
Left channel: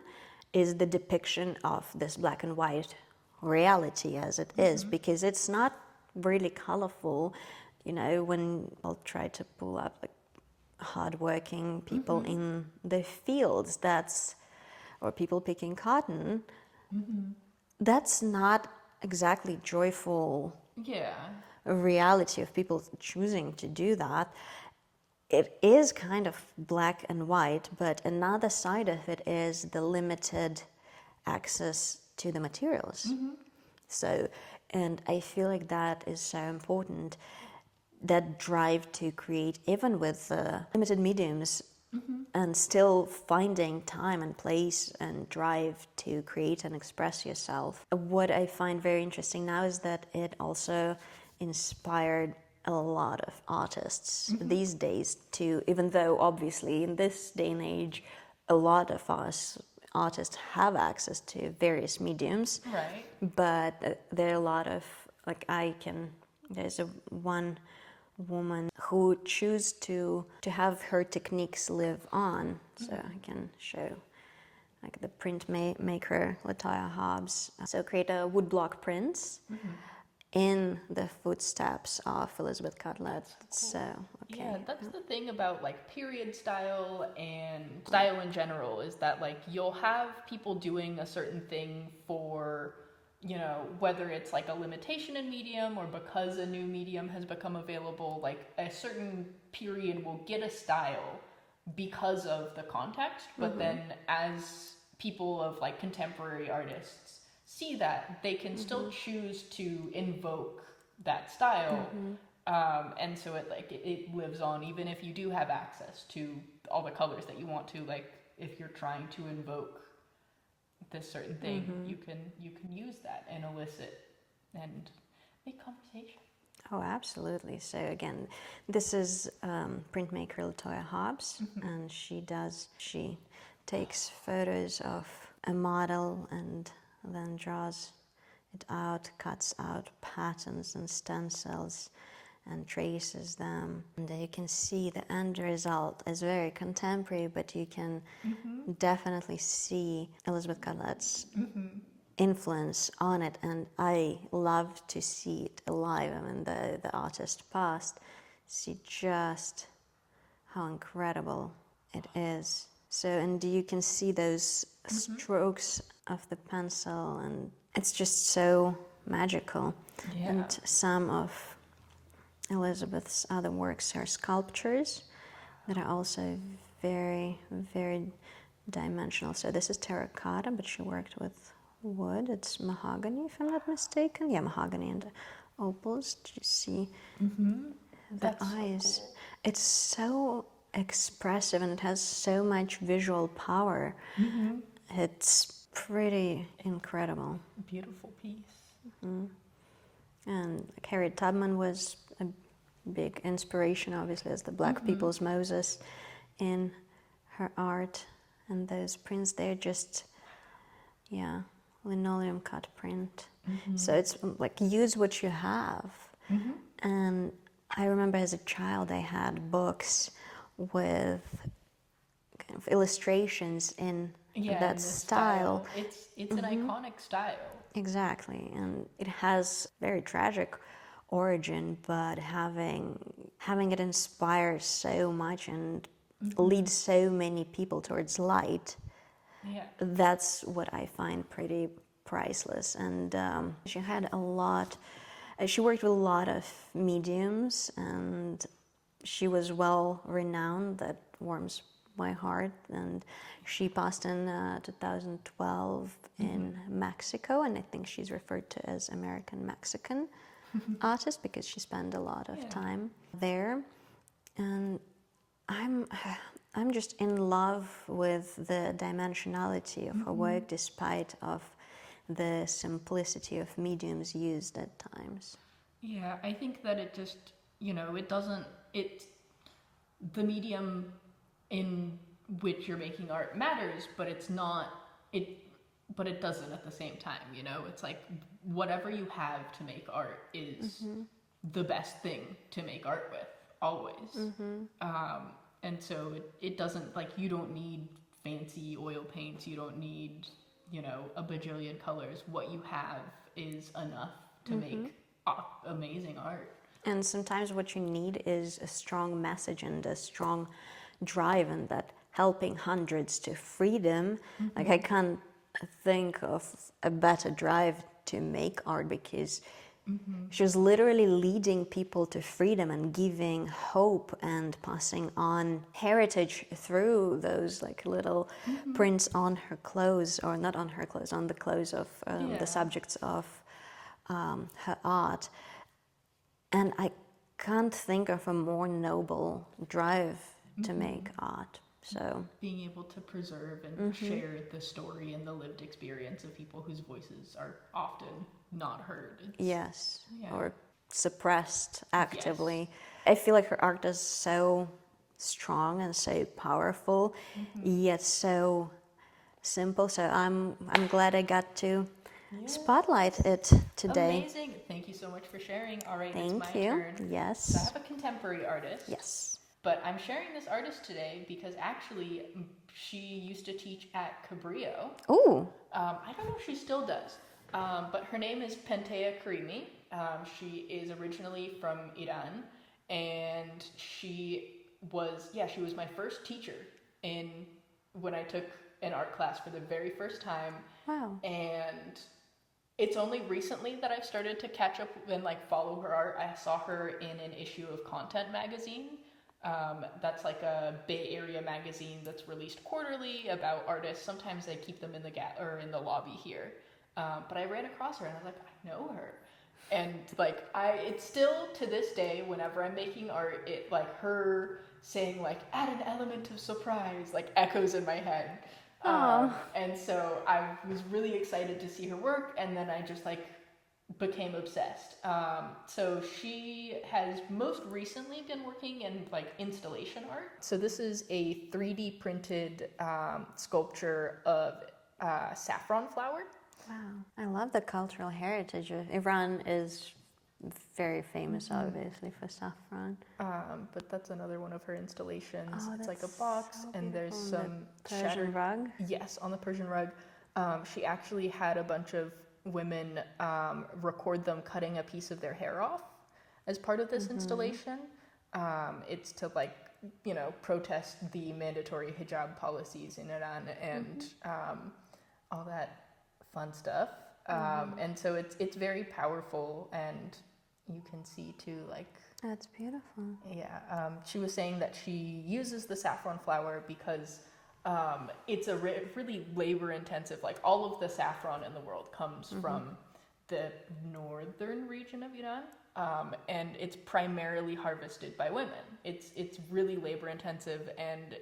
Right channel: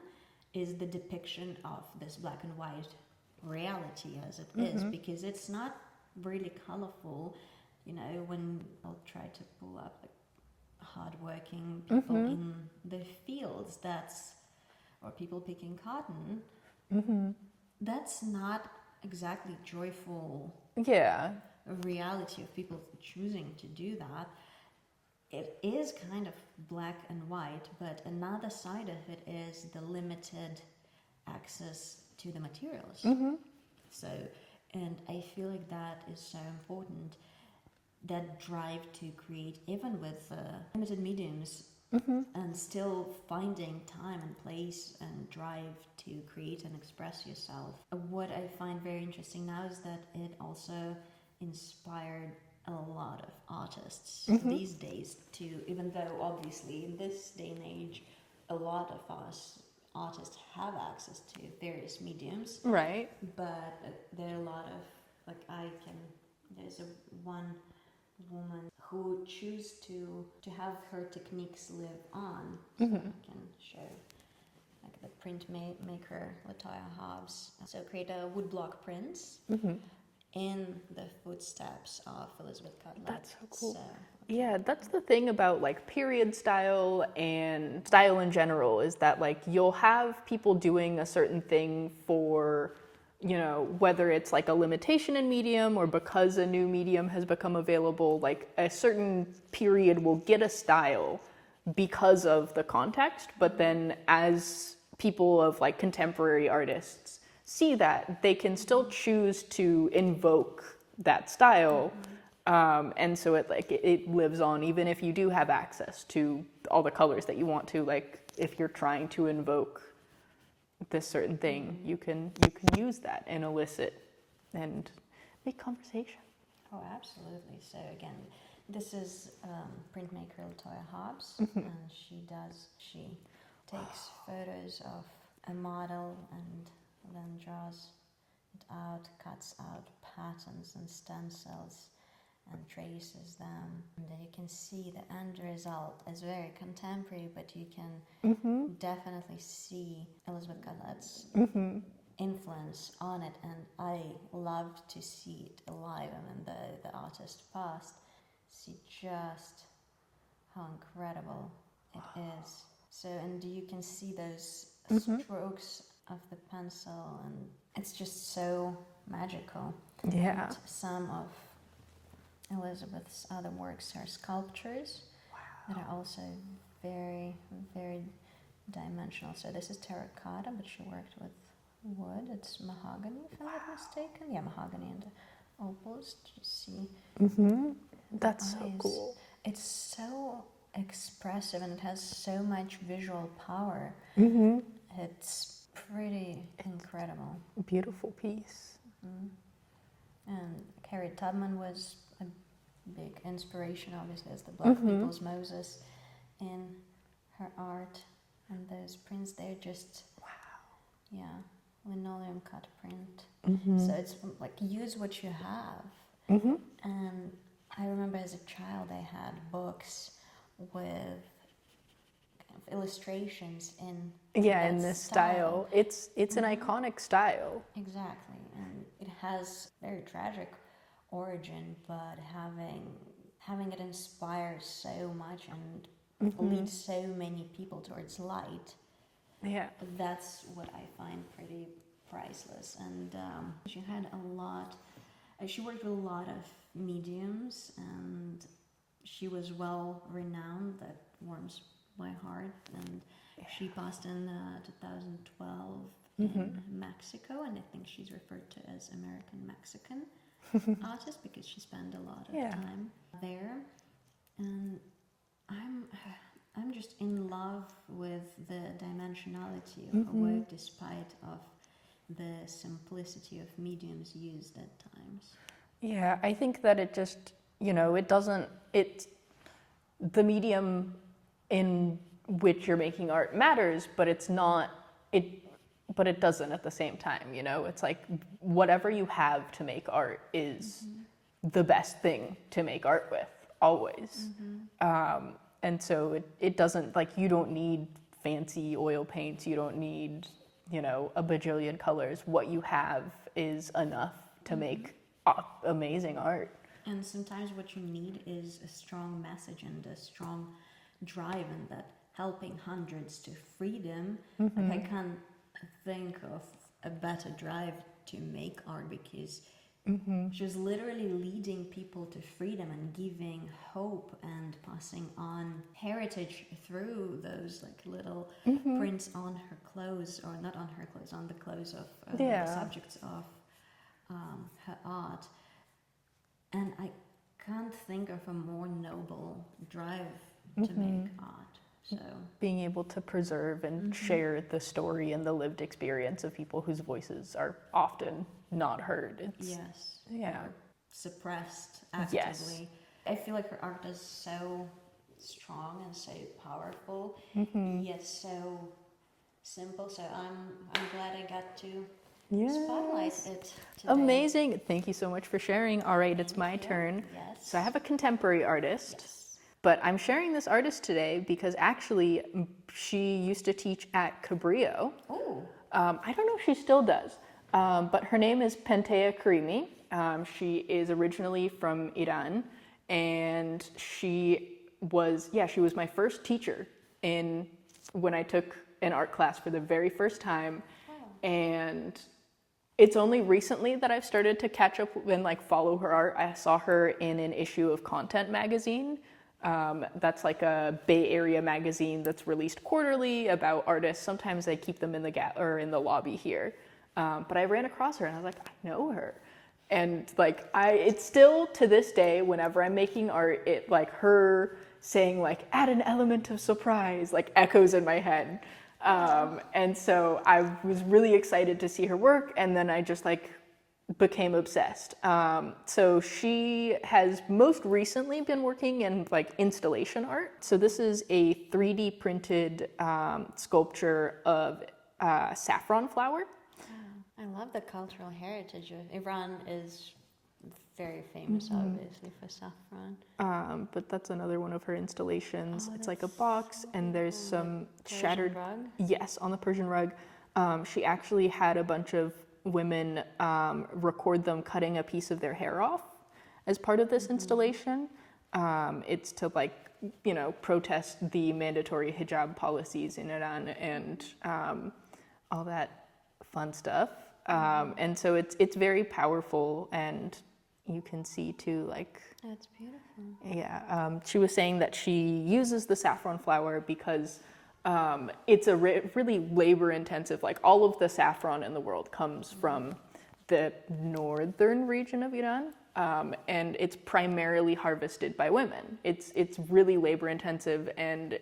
is the depiction of this black and white reality as it is, because it's not really colorful. You know, when I'll try to pull up like hardworking people in the fields, or people picking cotton, that's not exactly joyful reality of people choosing to do that. It is kind of black and white, but another side of it is the limited access to the materials. So, and I feel like that is so important, that drive to create, even with limited mediums, and still finding time and place and drive to create and express yourself. What I find very interesting now is that it also inspired a lot of artists these days to, even though obviously in this day and age a lot of us artists have access to various mediums, Right. but there are a lot of, like, there's one woman who choose to have her techniques live on. So I can show, like, the printmaker Latoya Hobbs. So create a woodblock prints in the footsteps of Elizabeth Cutler. That's so cool. So, Yeah, that's the thing about like period style and style in general, is that like you'll have people doing a certain thing for, you know, whether it's like a limitation in medium or because a new medium has become available, like a certain period will get a style because of the context, but then as people of like contemporary artists see that, they can still choose to invoke that style. And so it lives on, even if you do have access to all the colors that you want to. Like if you're trying to invoke this certain thing, you can use that and elicit and make conversation. Oh, absolutely. So again, this is printmaker Latoya Hobbs, and she takes photos of a model and then draws it out, cuts out patterns and stencils and traces them. And you can see the end result is very contemporary, but you can definitely see Elizabeth Cutler's influence on it, and I love to see it alive. I mean, the artist passed, see just how incredible it is. So, and you can see those strokes of the pencil, and it's just so magical. Yeah. And some of Elizabeth's other works are sculptures that are also very, very dimensional. So this is terracotta, but she worked with wood. It's mahogany, if I'm not mistaken. Yeah, mahogany and opals. Do you see the That's eyes? so cool. It's so expressive and it has so much visual power. It's pretty incredible. Beautiful piece. And Harriet Tubman was a big inspiration, obviously, as the Black people's Moses in her art. And those prints, they're just, linoleum cut print. So it's like, use what you have. And I remember as a child, I had books with kind of illustrations in that in this style. It's an iconic style. Exactly, and it has very tragic origin, but having it inspire so much and lead so many people towards light, that's what I find pretty priceless. And she had she worked with a lot of mediums, and she was well renowned. That warms my heart. And she passed in 2012 in Mexico, and I think she's referred to as American Mexican artist because she spent a lot of time there. And I'm just in love with the dimensionality of her work, despite of the simplicity of mediums used at times. Yeah, I think that it just, the medium in which you're making art matters, but it doesn't at the same time, It's like whatever you have to make art is the best thing to make art with, always. And so it doesn't, like, you don't need fancy oil paints, you don't need, a bajillion colors. What you have is enough to make amazing art. And sometimes what you need is a strong message and a strong drive, and that helping hundreds to freedom. Like, I can't think of a better drive to make art, because she was literally leading people to freedom and giving hope and passing on heritage through those like little prints on her clothes, or not on her clothes, on the clothes of the subjects of her art. And I can't think of a more noble drive to make art. So being able to preserve and share the story and the lived experience of people whose voices are often not heard. Or suppressed actively. I feel like her art is so strong and so powerful, yet so simple. So I'm glad I got to spotlight it today. Amazing. Thank you so much for sharing. All right, it's my turn. Yes. So I have a contemporary artist. Yes. But I'm sharing this artist today because actually she used to teach at Cabrillo. Ooh. I don't know if she still does, but her name is Pentea Karimi. She is originally from Iran, and she was my first teacher when I took an art class for the very first time. Wow. And it's only recently that I've started to catch up and like follow her art. I saw her in an issue of Content magazine. That's like a Bay Area magazine that's released quarterly about artists. Sometimes they keep them in the lobby here. But I ran across her and I was like, I know her. And like it's still to this day, whenever I'm making art, it like her saying like add an element of surprise like echoes in my head. And so I was really excited to see her work, and then I just like became obsessed. So she has most recently been working in like installation art. So this is a 3D printed sculpture of saffron flower. Wow. I love the cultural heritage of Iran. Is very famous, obviously, for saffron. But that's another one of her installations. It's like a box, so and there's some shattered rug. Yes, on the Persian rug. She actually had a bunch of women record them cutting a piece of their hair off as part of this installation. It's to like, protest the mandatory hijab policies in Iran and all that fun stuff. And so it's very powerful, and you can see too, like, That's beautiful. yeah. She was saying that she uses the saffron flower because it's a really labor-intensive, like all of the saffron in the world comes from the northern region of Iran, and it's primarily harvested by women. It's really labor-intensive, and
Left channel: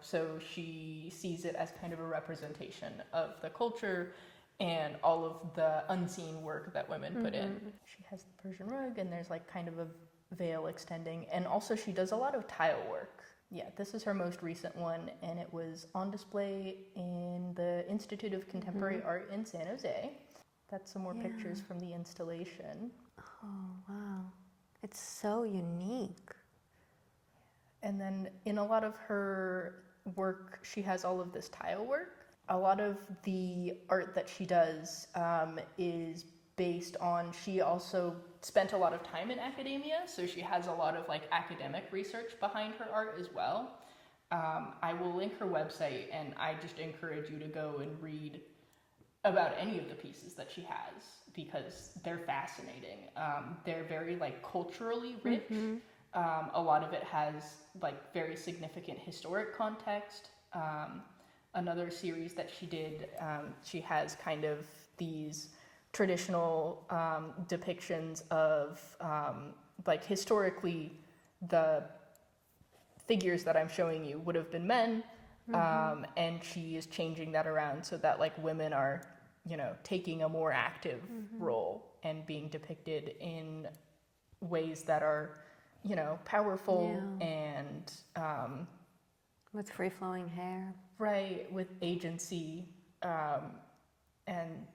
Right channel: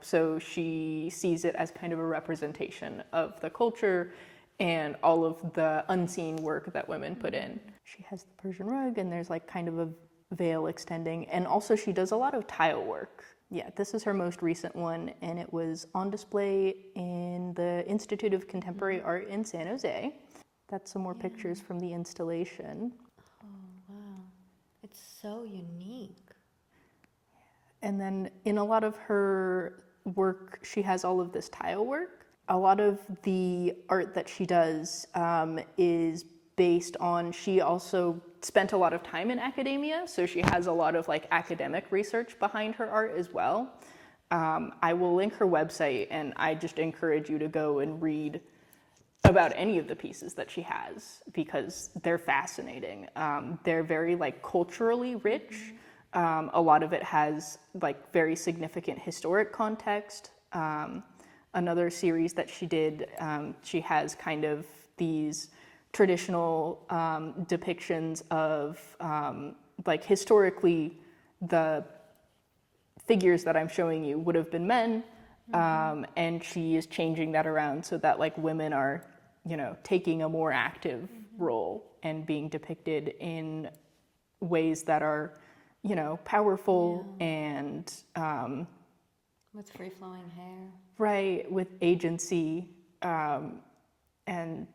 so she sees it as kind of a representation of the culture and all of the unseen work that women put in. She has the Persian rug, and there's like kind of a veil extending, and also she does a lot of tile work. Yeah, this is her most recent one, and it was on display in the Institute of Contemporary Art in San Jose. That's some more pictures from the installation. Oh, wow. It's so unique. And then in a lot of her work, she has all of this tile work. A lot of the art that she does is based on, she also spent a lot of time in academia, so she has a lot of like academic research behind her art as well. I will link her website, and I just encourage you to go and read about any of the pieces that she has, because they're fascinating. They're very like culturally rich. A lot of it has like very significant historic context. Another series that she did, she has kind of these traditional depictions of like historically the figures that I'm showing you would have been men, and she is changing that around so that like women are, taking a more active role and being depicted in ways that are, powerful and with free-flowing hair. Right, with agency, and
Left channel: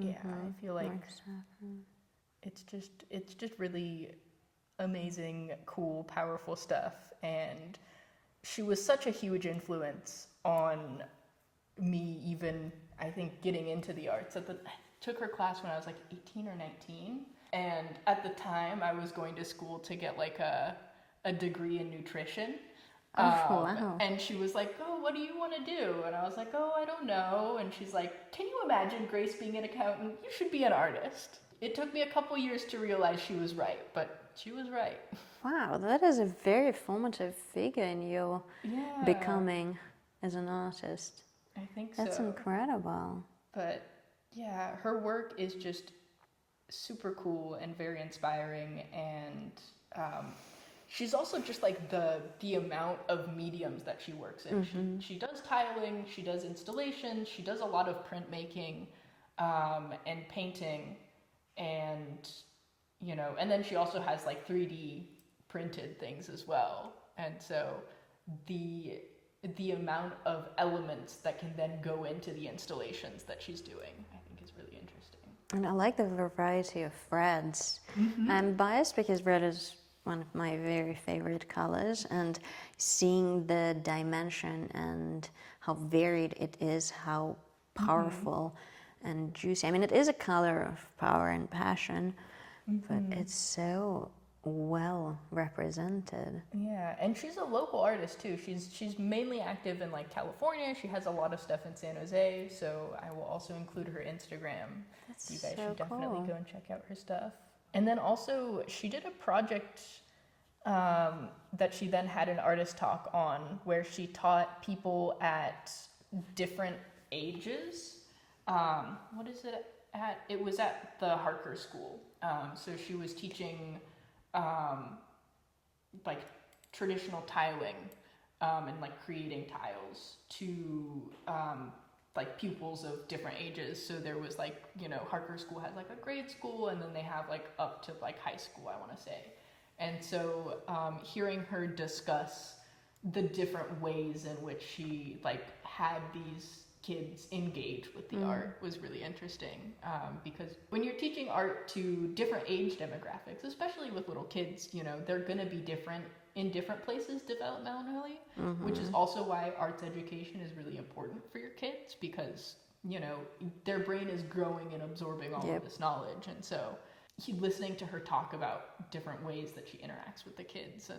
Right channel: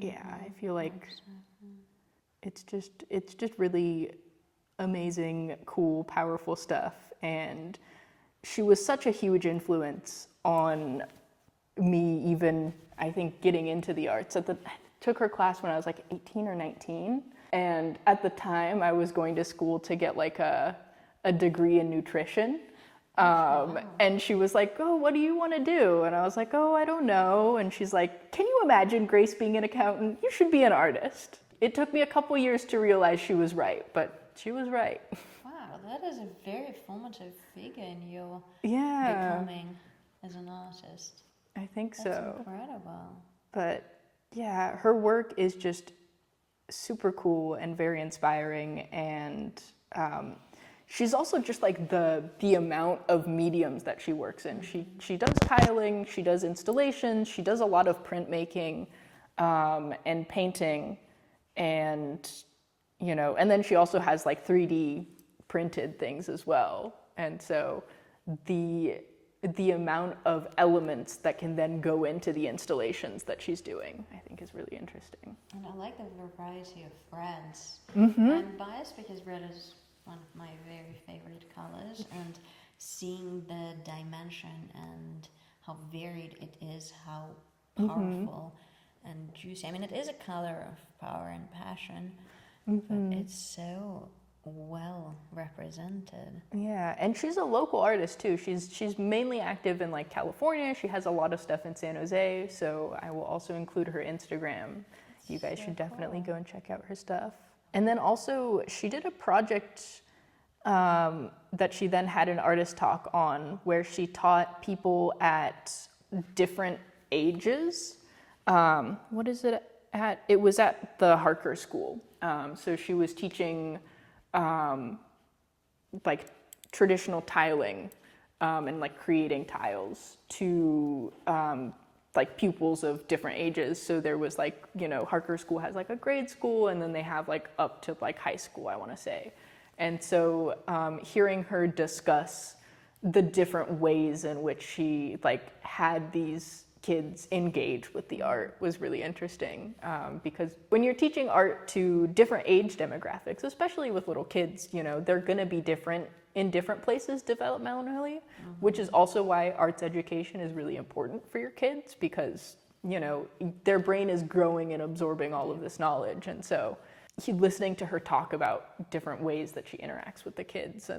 I feel like it's just really amazing, cool, powerful stuff. And she was such a huge influence on me, even I think getting into the arts. I took her class when I was like 18 or 19, and at the time, I was going to school to get like a degree in nutrition. Wow. And she was like, oh, what do you want to do? And I was like, oh, I don't know. And she's like, can you imagine Grace being an accountant? You should be an artist. It took me a couple years to realize she was right, but she was right. Wow, that is a very formative figure in your becoming as an artist. I think so. That's incredible. But yeah, her work is just super cool and very inspiring, and she's also just like the amount of mediums that she works in. She does tiling, she does installations, she does a lot of printmaking and painting, and and then she also has like 3D printed things as well. And so the amount of elements that can then go into the installations that she's doing, I think, is really interesting. And I like the variety of reds. I'm biased because red is one of my very favorite colors, and seeing the dimension and how varied it is, how powerful and juicy. I mean, it is a color of power and passion, but it's so well represented. Yeah, and she's a local artist too. She's mainly active in like California. She has a lot of stuff in San Jose, so I will also include her Instagram. You guys should definitely go and check out her stuff. And then also she did a project that she then had an artist talk on, where she taught people at different ages. What is it at? It was at the Harker School. So she was teaching like traditional tiling and like creating tiles to like pupils of different ages. So there was like, Harker School has like a grade school, and then they have like up to like high school, I want to say. And so hearing her discuss the different ways in which she like had these kids engage with the art was really interesting, because when you're teaching art to different age demographics, especially with little kids, they're going to be different in different places developmentally, which is also why arts education is really important for your kids, because their brain is growing and absorbing all of this knowledge. And so listening to her talk about different ways that she interacts with the kids,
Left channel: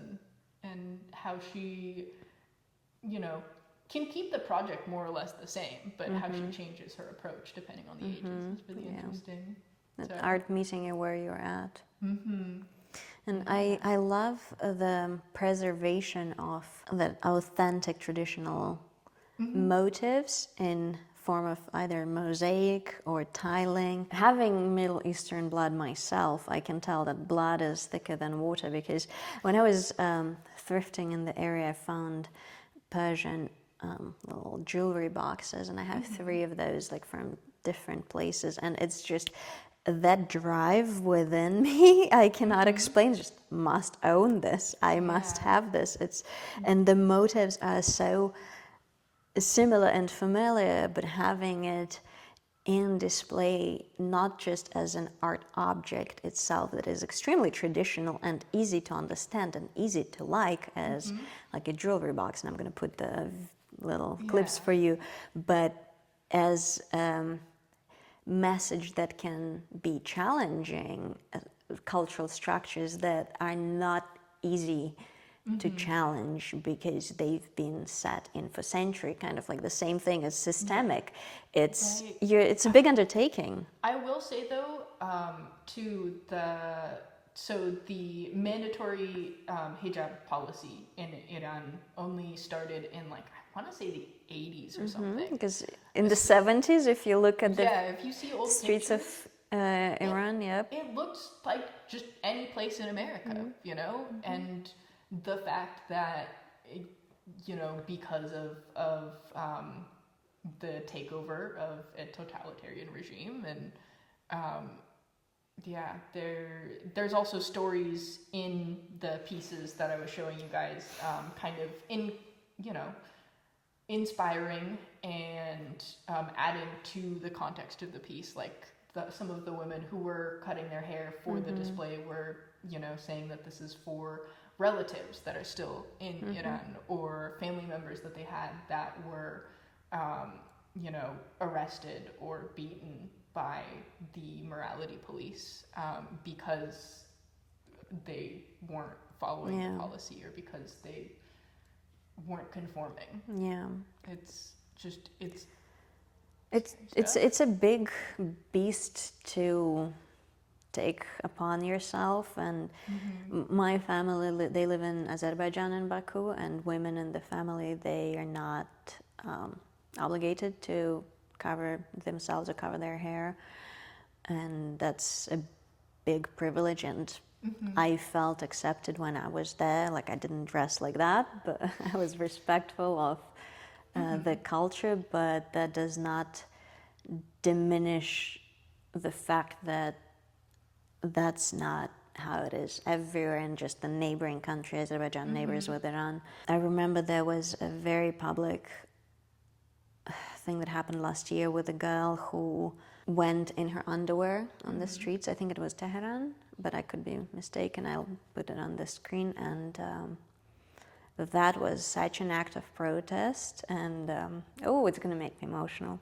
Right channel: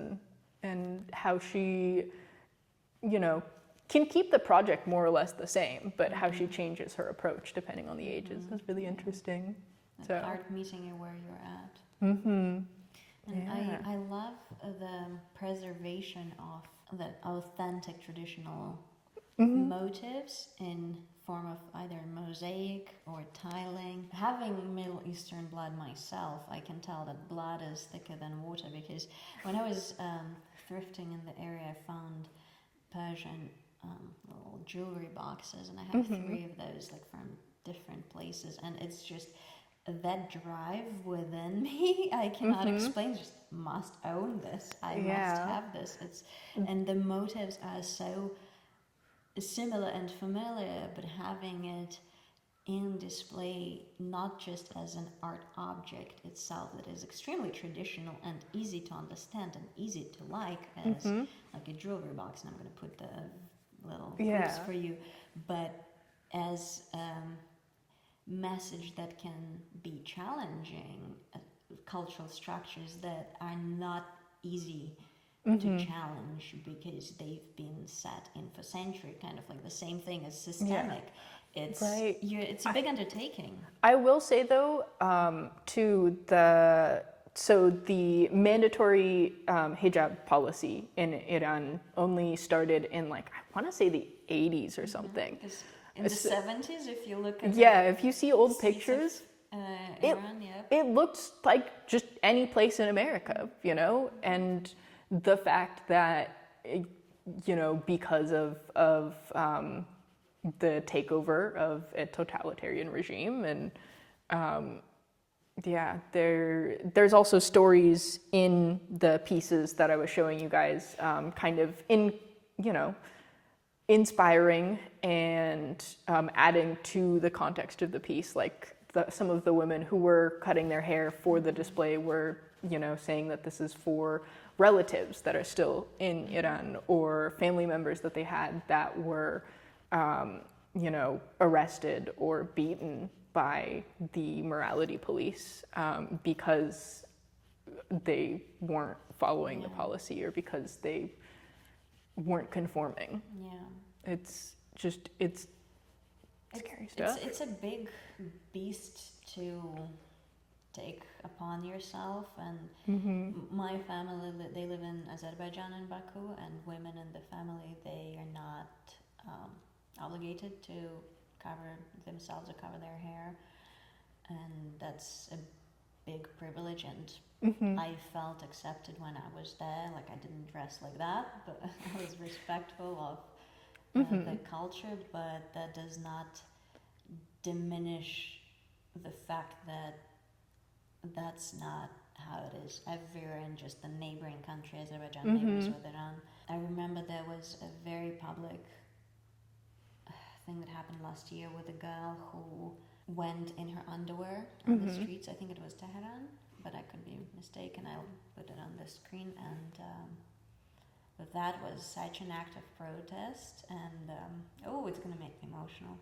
and how she can keep the project more or less the same, but how she changes her approach depending on the ages is really interesting. So. Art meeting you where you're at. And I love the preservation of the authentic traditional motifs in form of either mosaic or tiling. Having Middle Eastern blood myself, I can tell that blood is thicker than water, because when I was thrifting in the area, I found Persian little jewelry boxes, and I have 3 of those, like from different places, and it's just that drive within me I cannot explain. Just must own this. I must have this. And the motives are so similar and familiar, but having it in display, not just as an art object itself that is extremely traditional and easy to understand and easy to like, as like a jewelry box, and I'm going to put the little clips for you, but as message that can be challenging, cultural structures that are not easy to challenge because they've been set in for centuries, kind of like the same thing as systemic. It's a big undertaking. I will say though, so the mandatory hijab policy in Iran only started in like, I want to say the 80s or something. Because in the 70s, if you look at if you see old pictures of Iran, it looks like just any place in America, and the fact that, because of the takeover of a totalitarian regime, and there's also stories in the pieces that I was showing you guys, kind of inspiring and adding to the context of the piece. Like some of the women who were cutting their hair for the display were, saying that this is for relatives that are still in Iran, or family members that they had that were, arrested or beaten by the morality police, because they weren't following the policy or because they weren't conforming. Yeah. It's just, it's a big beast to take upon yourself, and my family, they live in Azerbaijan in Baku, and women in the family, they are not obligated to cover themselves or cover their hair, and that's a big privilege, and I felt accepted when I was there. Like, I didn't dress like that, but I was respectful of the culture, but that does not diminish the fact that that's not how it is everywhere in just the neighboring country, Azerbaijan neighbors with Iran. I remember there was a very public thing that happened last year with a girl who went in her underwear on the streets. I think it was Tehran, but I could be mistaken. I'll put it on the screen. And that was such an act of protest. And it's going to make me emotional,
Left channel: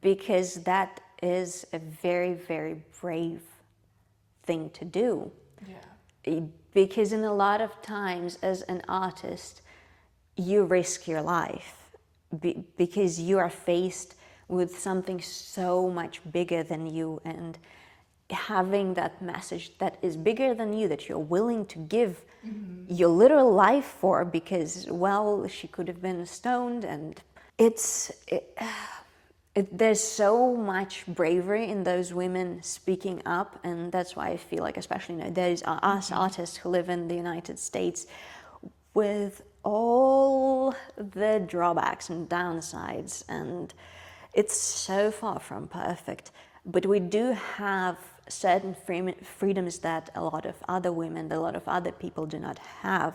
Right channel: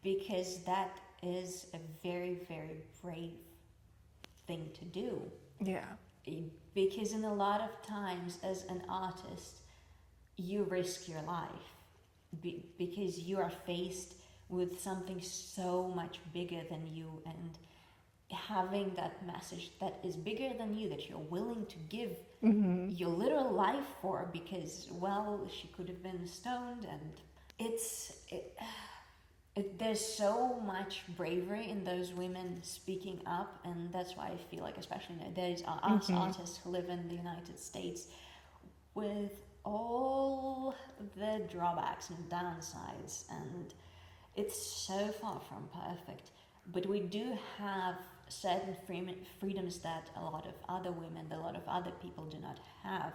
because that is a very, very brave thing to do. Yeah. Because in a lot of times as an artist, you risk your life because you are faced with something so much bigger than you, and having that message that is bigger than you, that you're willing to give your literal life for, because, well, she could have been stoned, and there's so much bravery in those women speaking up, and that's why I feel like, especially those us artists who live in the United States, with all the drawbacks and downsides, and it's so far from perfect, but we do have certain freedoms that a lot of other women, a lot of other people do not have.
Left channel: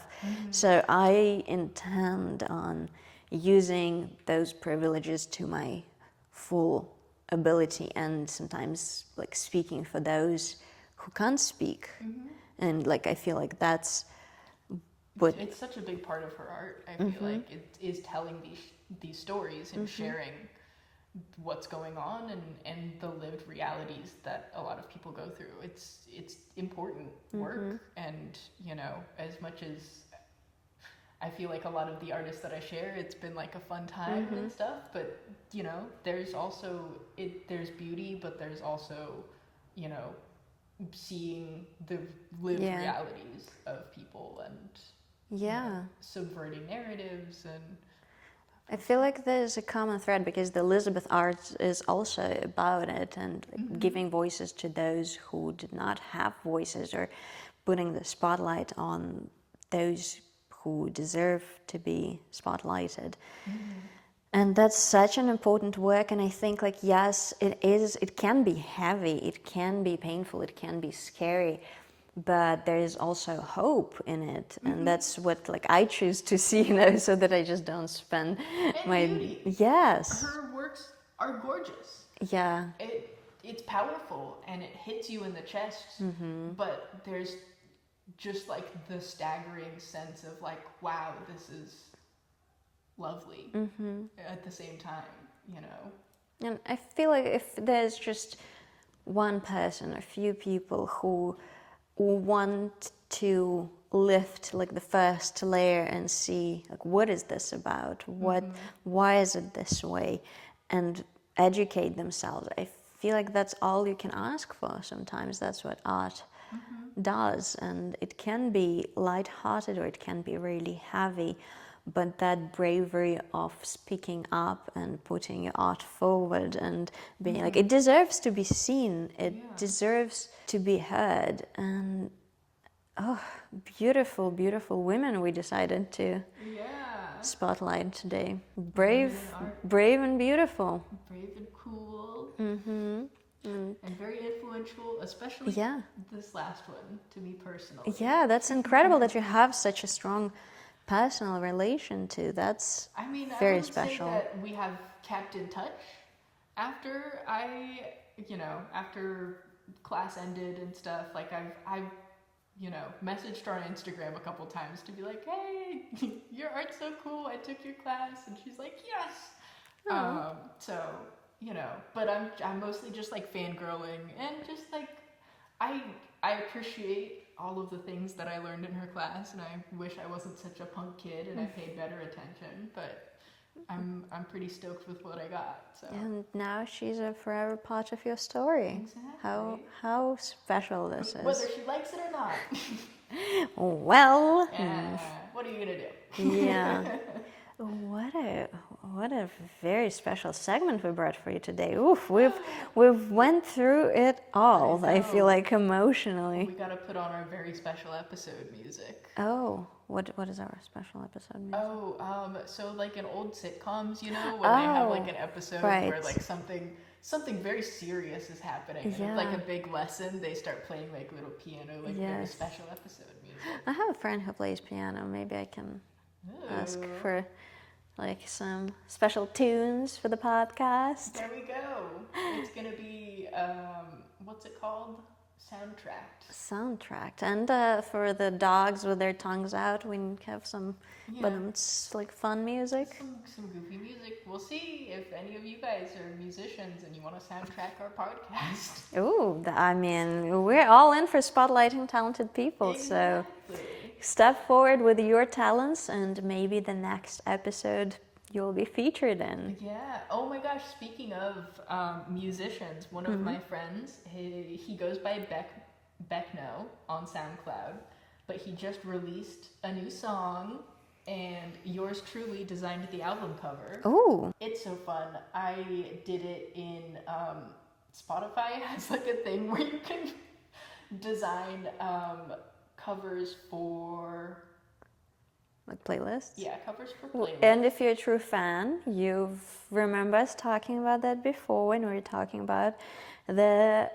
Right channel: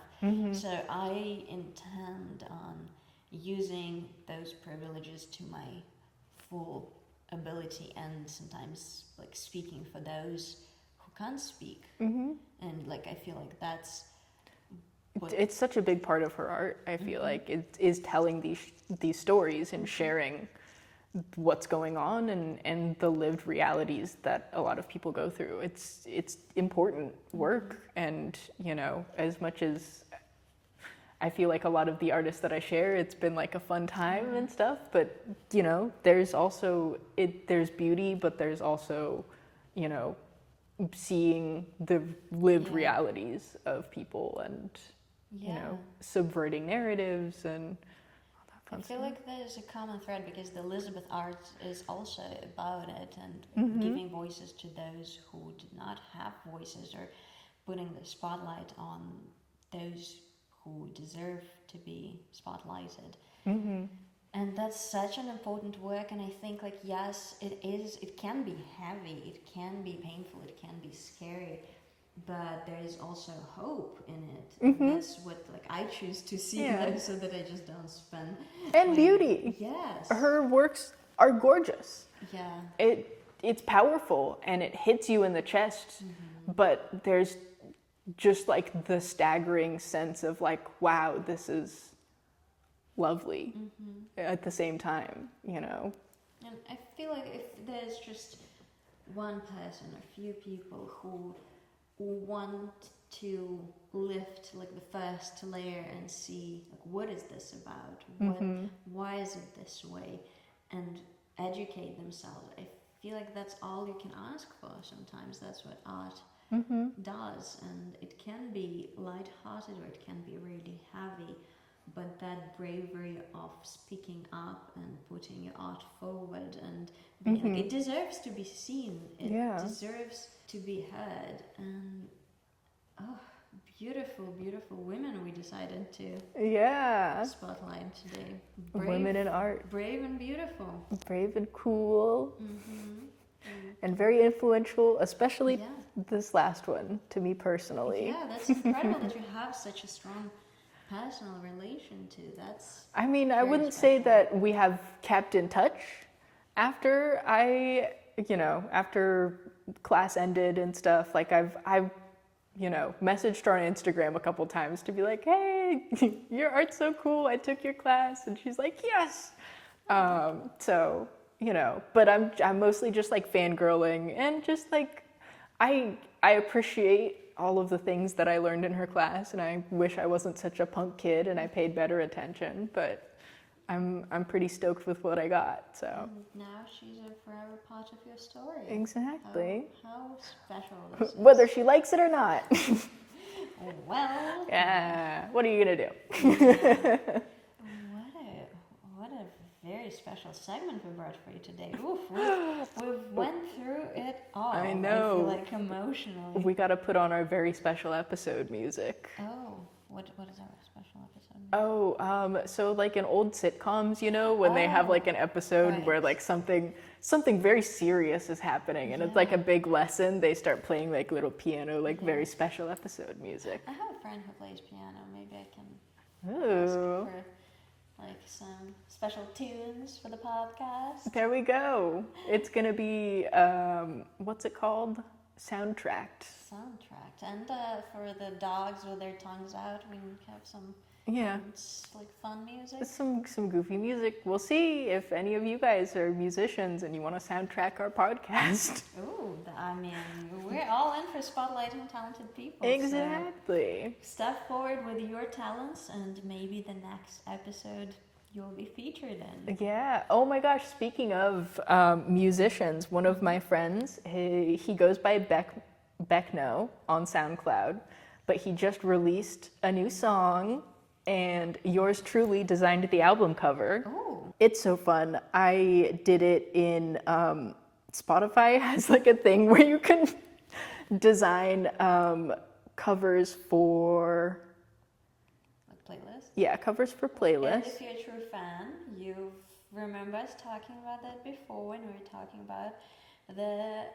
So I intend on using those privileges to my full ability, and sometimes like speaking for those who can't speak. And like, I feel like that's what it's such a big part of her art. I feel like it is telling these stories and sharing what's going on, and the lived realities that a lot of people go through. It's important work, and as much as I feel like a lot of the artists that I share, it's been like a fun time and stuff, but there's also there's beauty, but there's also seeing the lived realities of people, and subverting narratives, and I feel like there's a common thread, because the Elizabeth art is also about it, and giving voices to those who did not have voices, or putting the spotlight on those who deserve to be spotlighted. And that's such an important work, and I think, like, yes, it can be heavy, it can be painful, it can be scary, but there is also hope in it, and that's what, like, I choose to see, so that I just don't spend and beauty. Yes, her works are gorgeous. Yeah, it's powerful, and it hits you in the chest, but there's just like the staggering sense of like, wow, this is lovely at the same time, And I feel like if there's just one person, a few people who want to lift like the first layer and see, like, what is this about? Why is it this way? And educate themselves. I feel like that's all you can ask for sometimes. That's what art does, and it can be lighthearted or it can be really heavy, but that bravery of speaking up and putting your art forward and being like, it deserves to be seen, it deserves to be heard. And beautiful, beautiful women we decided to spotlight today. Brave, women in art. Brave and beautiful. Brave and cool. And very influential, especially this last one, to me personally. Yeah, that's incredible that you have such a strong personal relation to. That's I mean, very I wouldn't special. say that we have kept in touch after after class ended and stuff. Like, I've messaged her on Instagram a couple times to be like, hey, your art's so cool, I took your class, and she's like, yes. So, but I'm mostly just like fangirling, and just like I appreciate all of the things that I learned in her class, and I wish I wasn't such a punk kid and I paid better attention, but I'm pretty stoked with what I got. So And now she's a forever part of your story. exactly. How special this is. Whether she likes it or not. Well, Yeah. What are you gonna do? yeah. What a very special segment we brought for you today. Oof, we've went through it all. I feel know. like emotionally. We gotta put on our very special episode music. Oh, what is our special episode? Oh, so like in old sitcoms, you know, when they have like an episode where right. like something very serious is is and it's like a big lesson, they start playing like little piano, like very Yes. special episode music. I have a friend who plays piano. Maybe I can Ooh. ask for like some special tunes for the podcast. There we go. It's gonna be what's it called? Soundtracked. Soundtracked. And for the dogs with their tongues out, we have some like fun music. Some goofy music. We'll see if any of you guys are musicians and you want to soundtrack our podcast. Ooh, I mean, we're all in for spotlighting talented people. Exactly. So step forward with your talents, and maybe the next episode you'll be featured in. Yeah. Oh my gosh. Speaking of musicians, one of my friends, he goes by Beckno on SoundCloud, but he just released a new song, and yours truly designed the album cover. Ooh. It's so fun. I did it in Spotify has like a thing where you can design covers for Like playlist. Yeah, covers for playlists. And if you're a true fan, you've remember us talking about that before when we were talking about the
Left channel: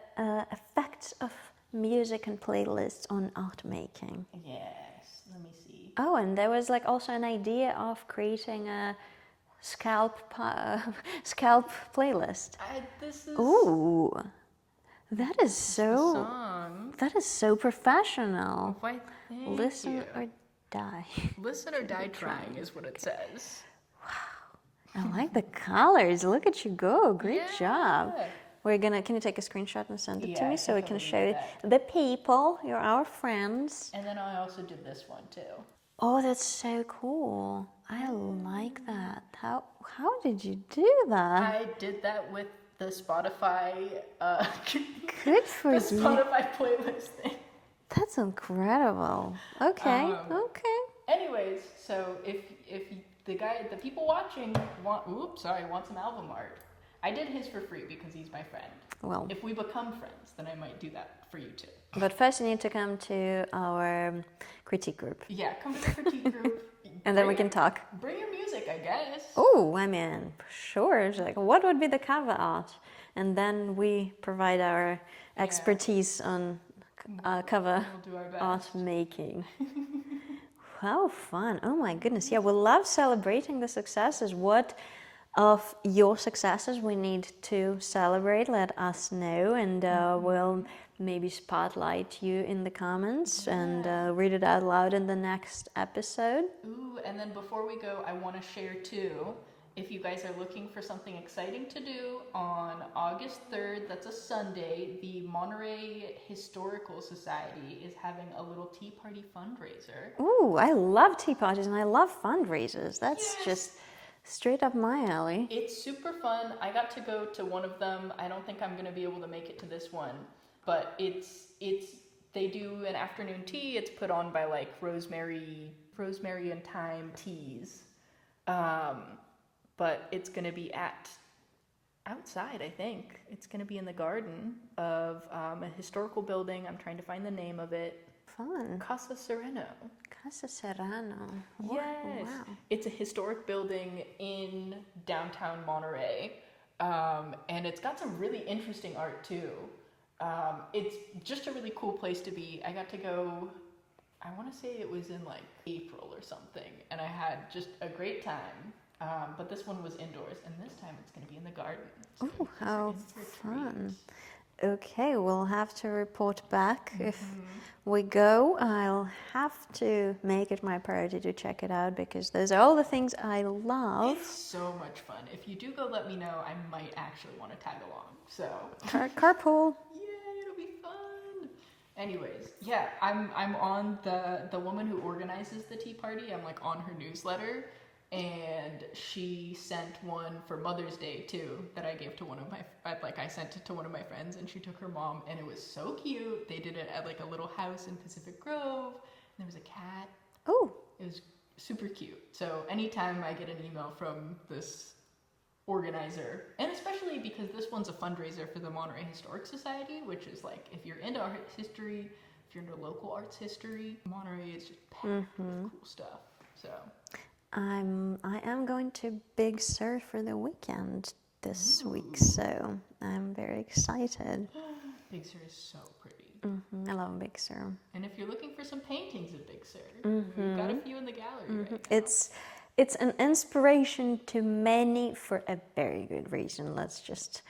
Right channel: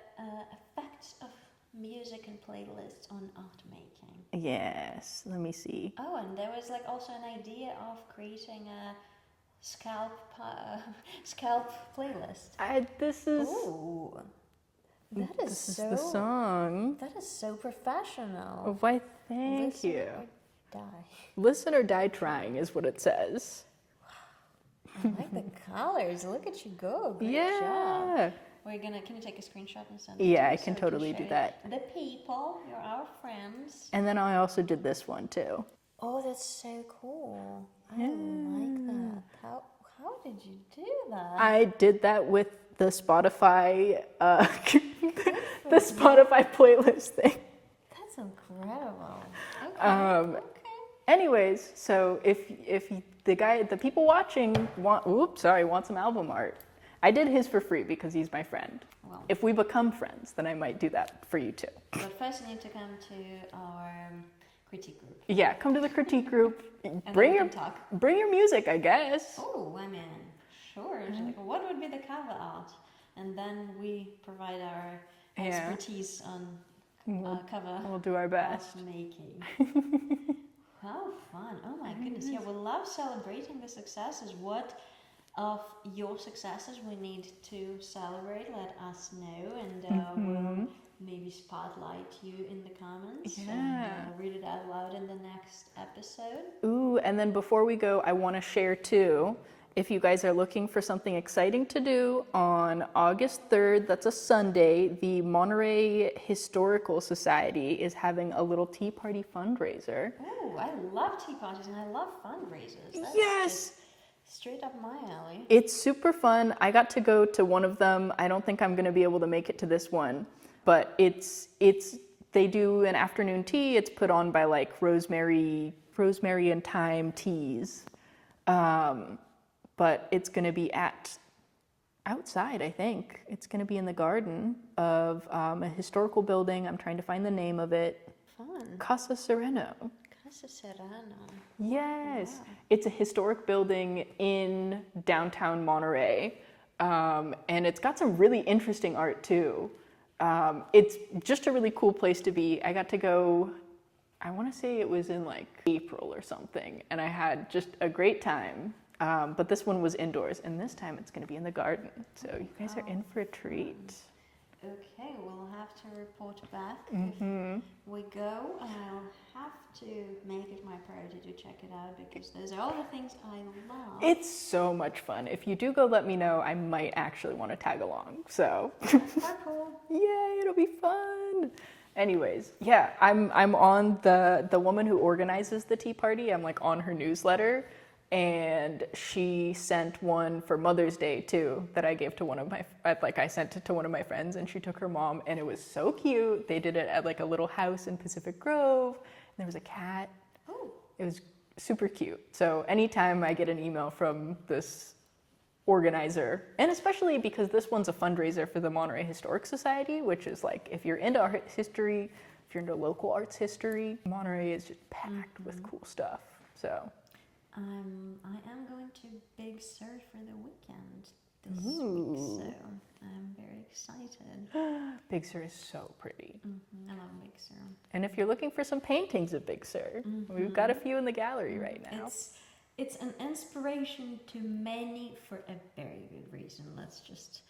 effects of music and playlists on art making. Yes, let me see. Oh, and there was like also an idea of creating a scalp playlist. This is Ooh, that is the so song. that is so professional. Why, thank Listen you. or die. Listen or die trying is what it says. I like the colors. Look at you go. Great job. Yeah. Can you take a screenshot and send it to Yeah, me I so can we can totally show do it? that. The people, you're our friends. And then I also did this one too. Oh, that's so cool. I like that. How did you do that? I did that with the Spotify Good for the you. Spotify playlist thing. That's incredible. Okay. Okay. Anyways, so if the people watching want some album art, I did his for free because he's my friend. Well, If we become friends, then I might do that for you too. but first you need to come to our critique group. Yeah, come to the critique group. And then we can talk. Bring your music, I guess. Oh, I mean, sure. It's like, what would be the cover art? And then we provide our expertise on cover We'll do our art best. making. How fun. Oh my goodness. Yeah, we love celebrating the successes. What of your successes we need to celebrate? Let us know, and we'll maybe spotlight you in the comments and read it out loud in the next episode. Ooh, and then before we go, I want to share too, if you guys are looking for something exciting to do on August 3rd, that's a Sunday, the Monterey Historical Society is having a little tea party fundraiser. Ooh, I love tea parties and I love fundraisers. That's Yes. just straight up my alley. It's super fun. I got to go to one of them. I don't think I'm going to be able to make it to this one, but they do an afternoon tea. It's put on by like rosemary and thyme teas. But it's going to be outside, I think. It's going to be in the garden of a historical building. I'm trying to find the name of it. Fun. Casa Sereno. Casa Serrano. Yes. Wow. It's a historic building in downtown Monterey. And it's got some really interesting art too. It's just a really cool place to be. I got to go, I want to say it was in like April or something. And I had just a great time. But this one was indoors, and this time it's going to be in the garden. So you guys are in for a treat. Okay, we'll have to report back if we go. I'll have to make it my priority to check it out because those are all the things I love. It's so much fun. If you do go, let me know. I might actually want to tag along. So Carpool. yay, it'll be fun. Anyways, yeah, I'm on the woman who organizes the tea party. I'm like on her newsletter, and she sent one for Mother's Day too that I gave to one of my I sent it to one of my friends, and she took her mom, and it was so cute. They did it at like a little house in Pacific Grove. And there was a cat. Oh, It was super cute. So anytime I get an email from this organizer, and especially because this one's a fundraiser for the Monterey Historic Society, which is like, if you're into art history, if you're into local arts history, Monterey is just packed with cool stuff. So I am going to Big Sur for the weekend this week, so I'm very excited. Big Sur is so pretty. I love Big Sur. And if you're looking for some paintings of Big Sur, we've got a few in the gallery right now. It's an inspiration to many for a very good reason. Let's just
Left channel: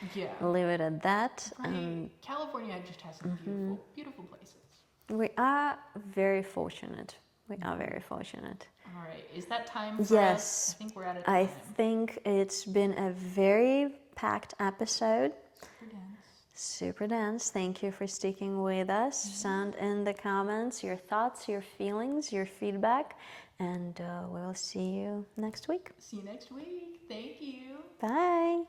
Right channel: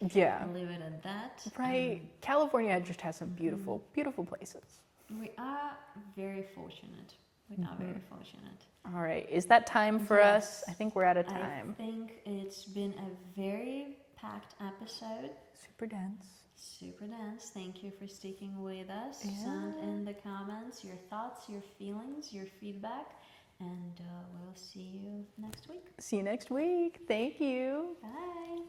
leave it at that. Right. California just has some beautiful, beautiful places. We are very fortunate. We are very fortunate. All right. Is that time for us? I think we're out of time. I think it's been a very packed episode. Super dense. Super dense. Thank you for sticking with us. Send in the comments your thoughts, your feelings, your feedback, and we'll see you next week. See you next week. Thank you. Bye.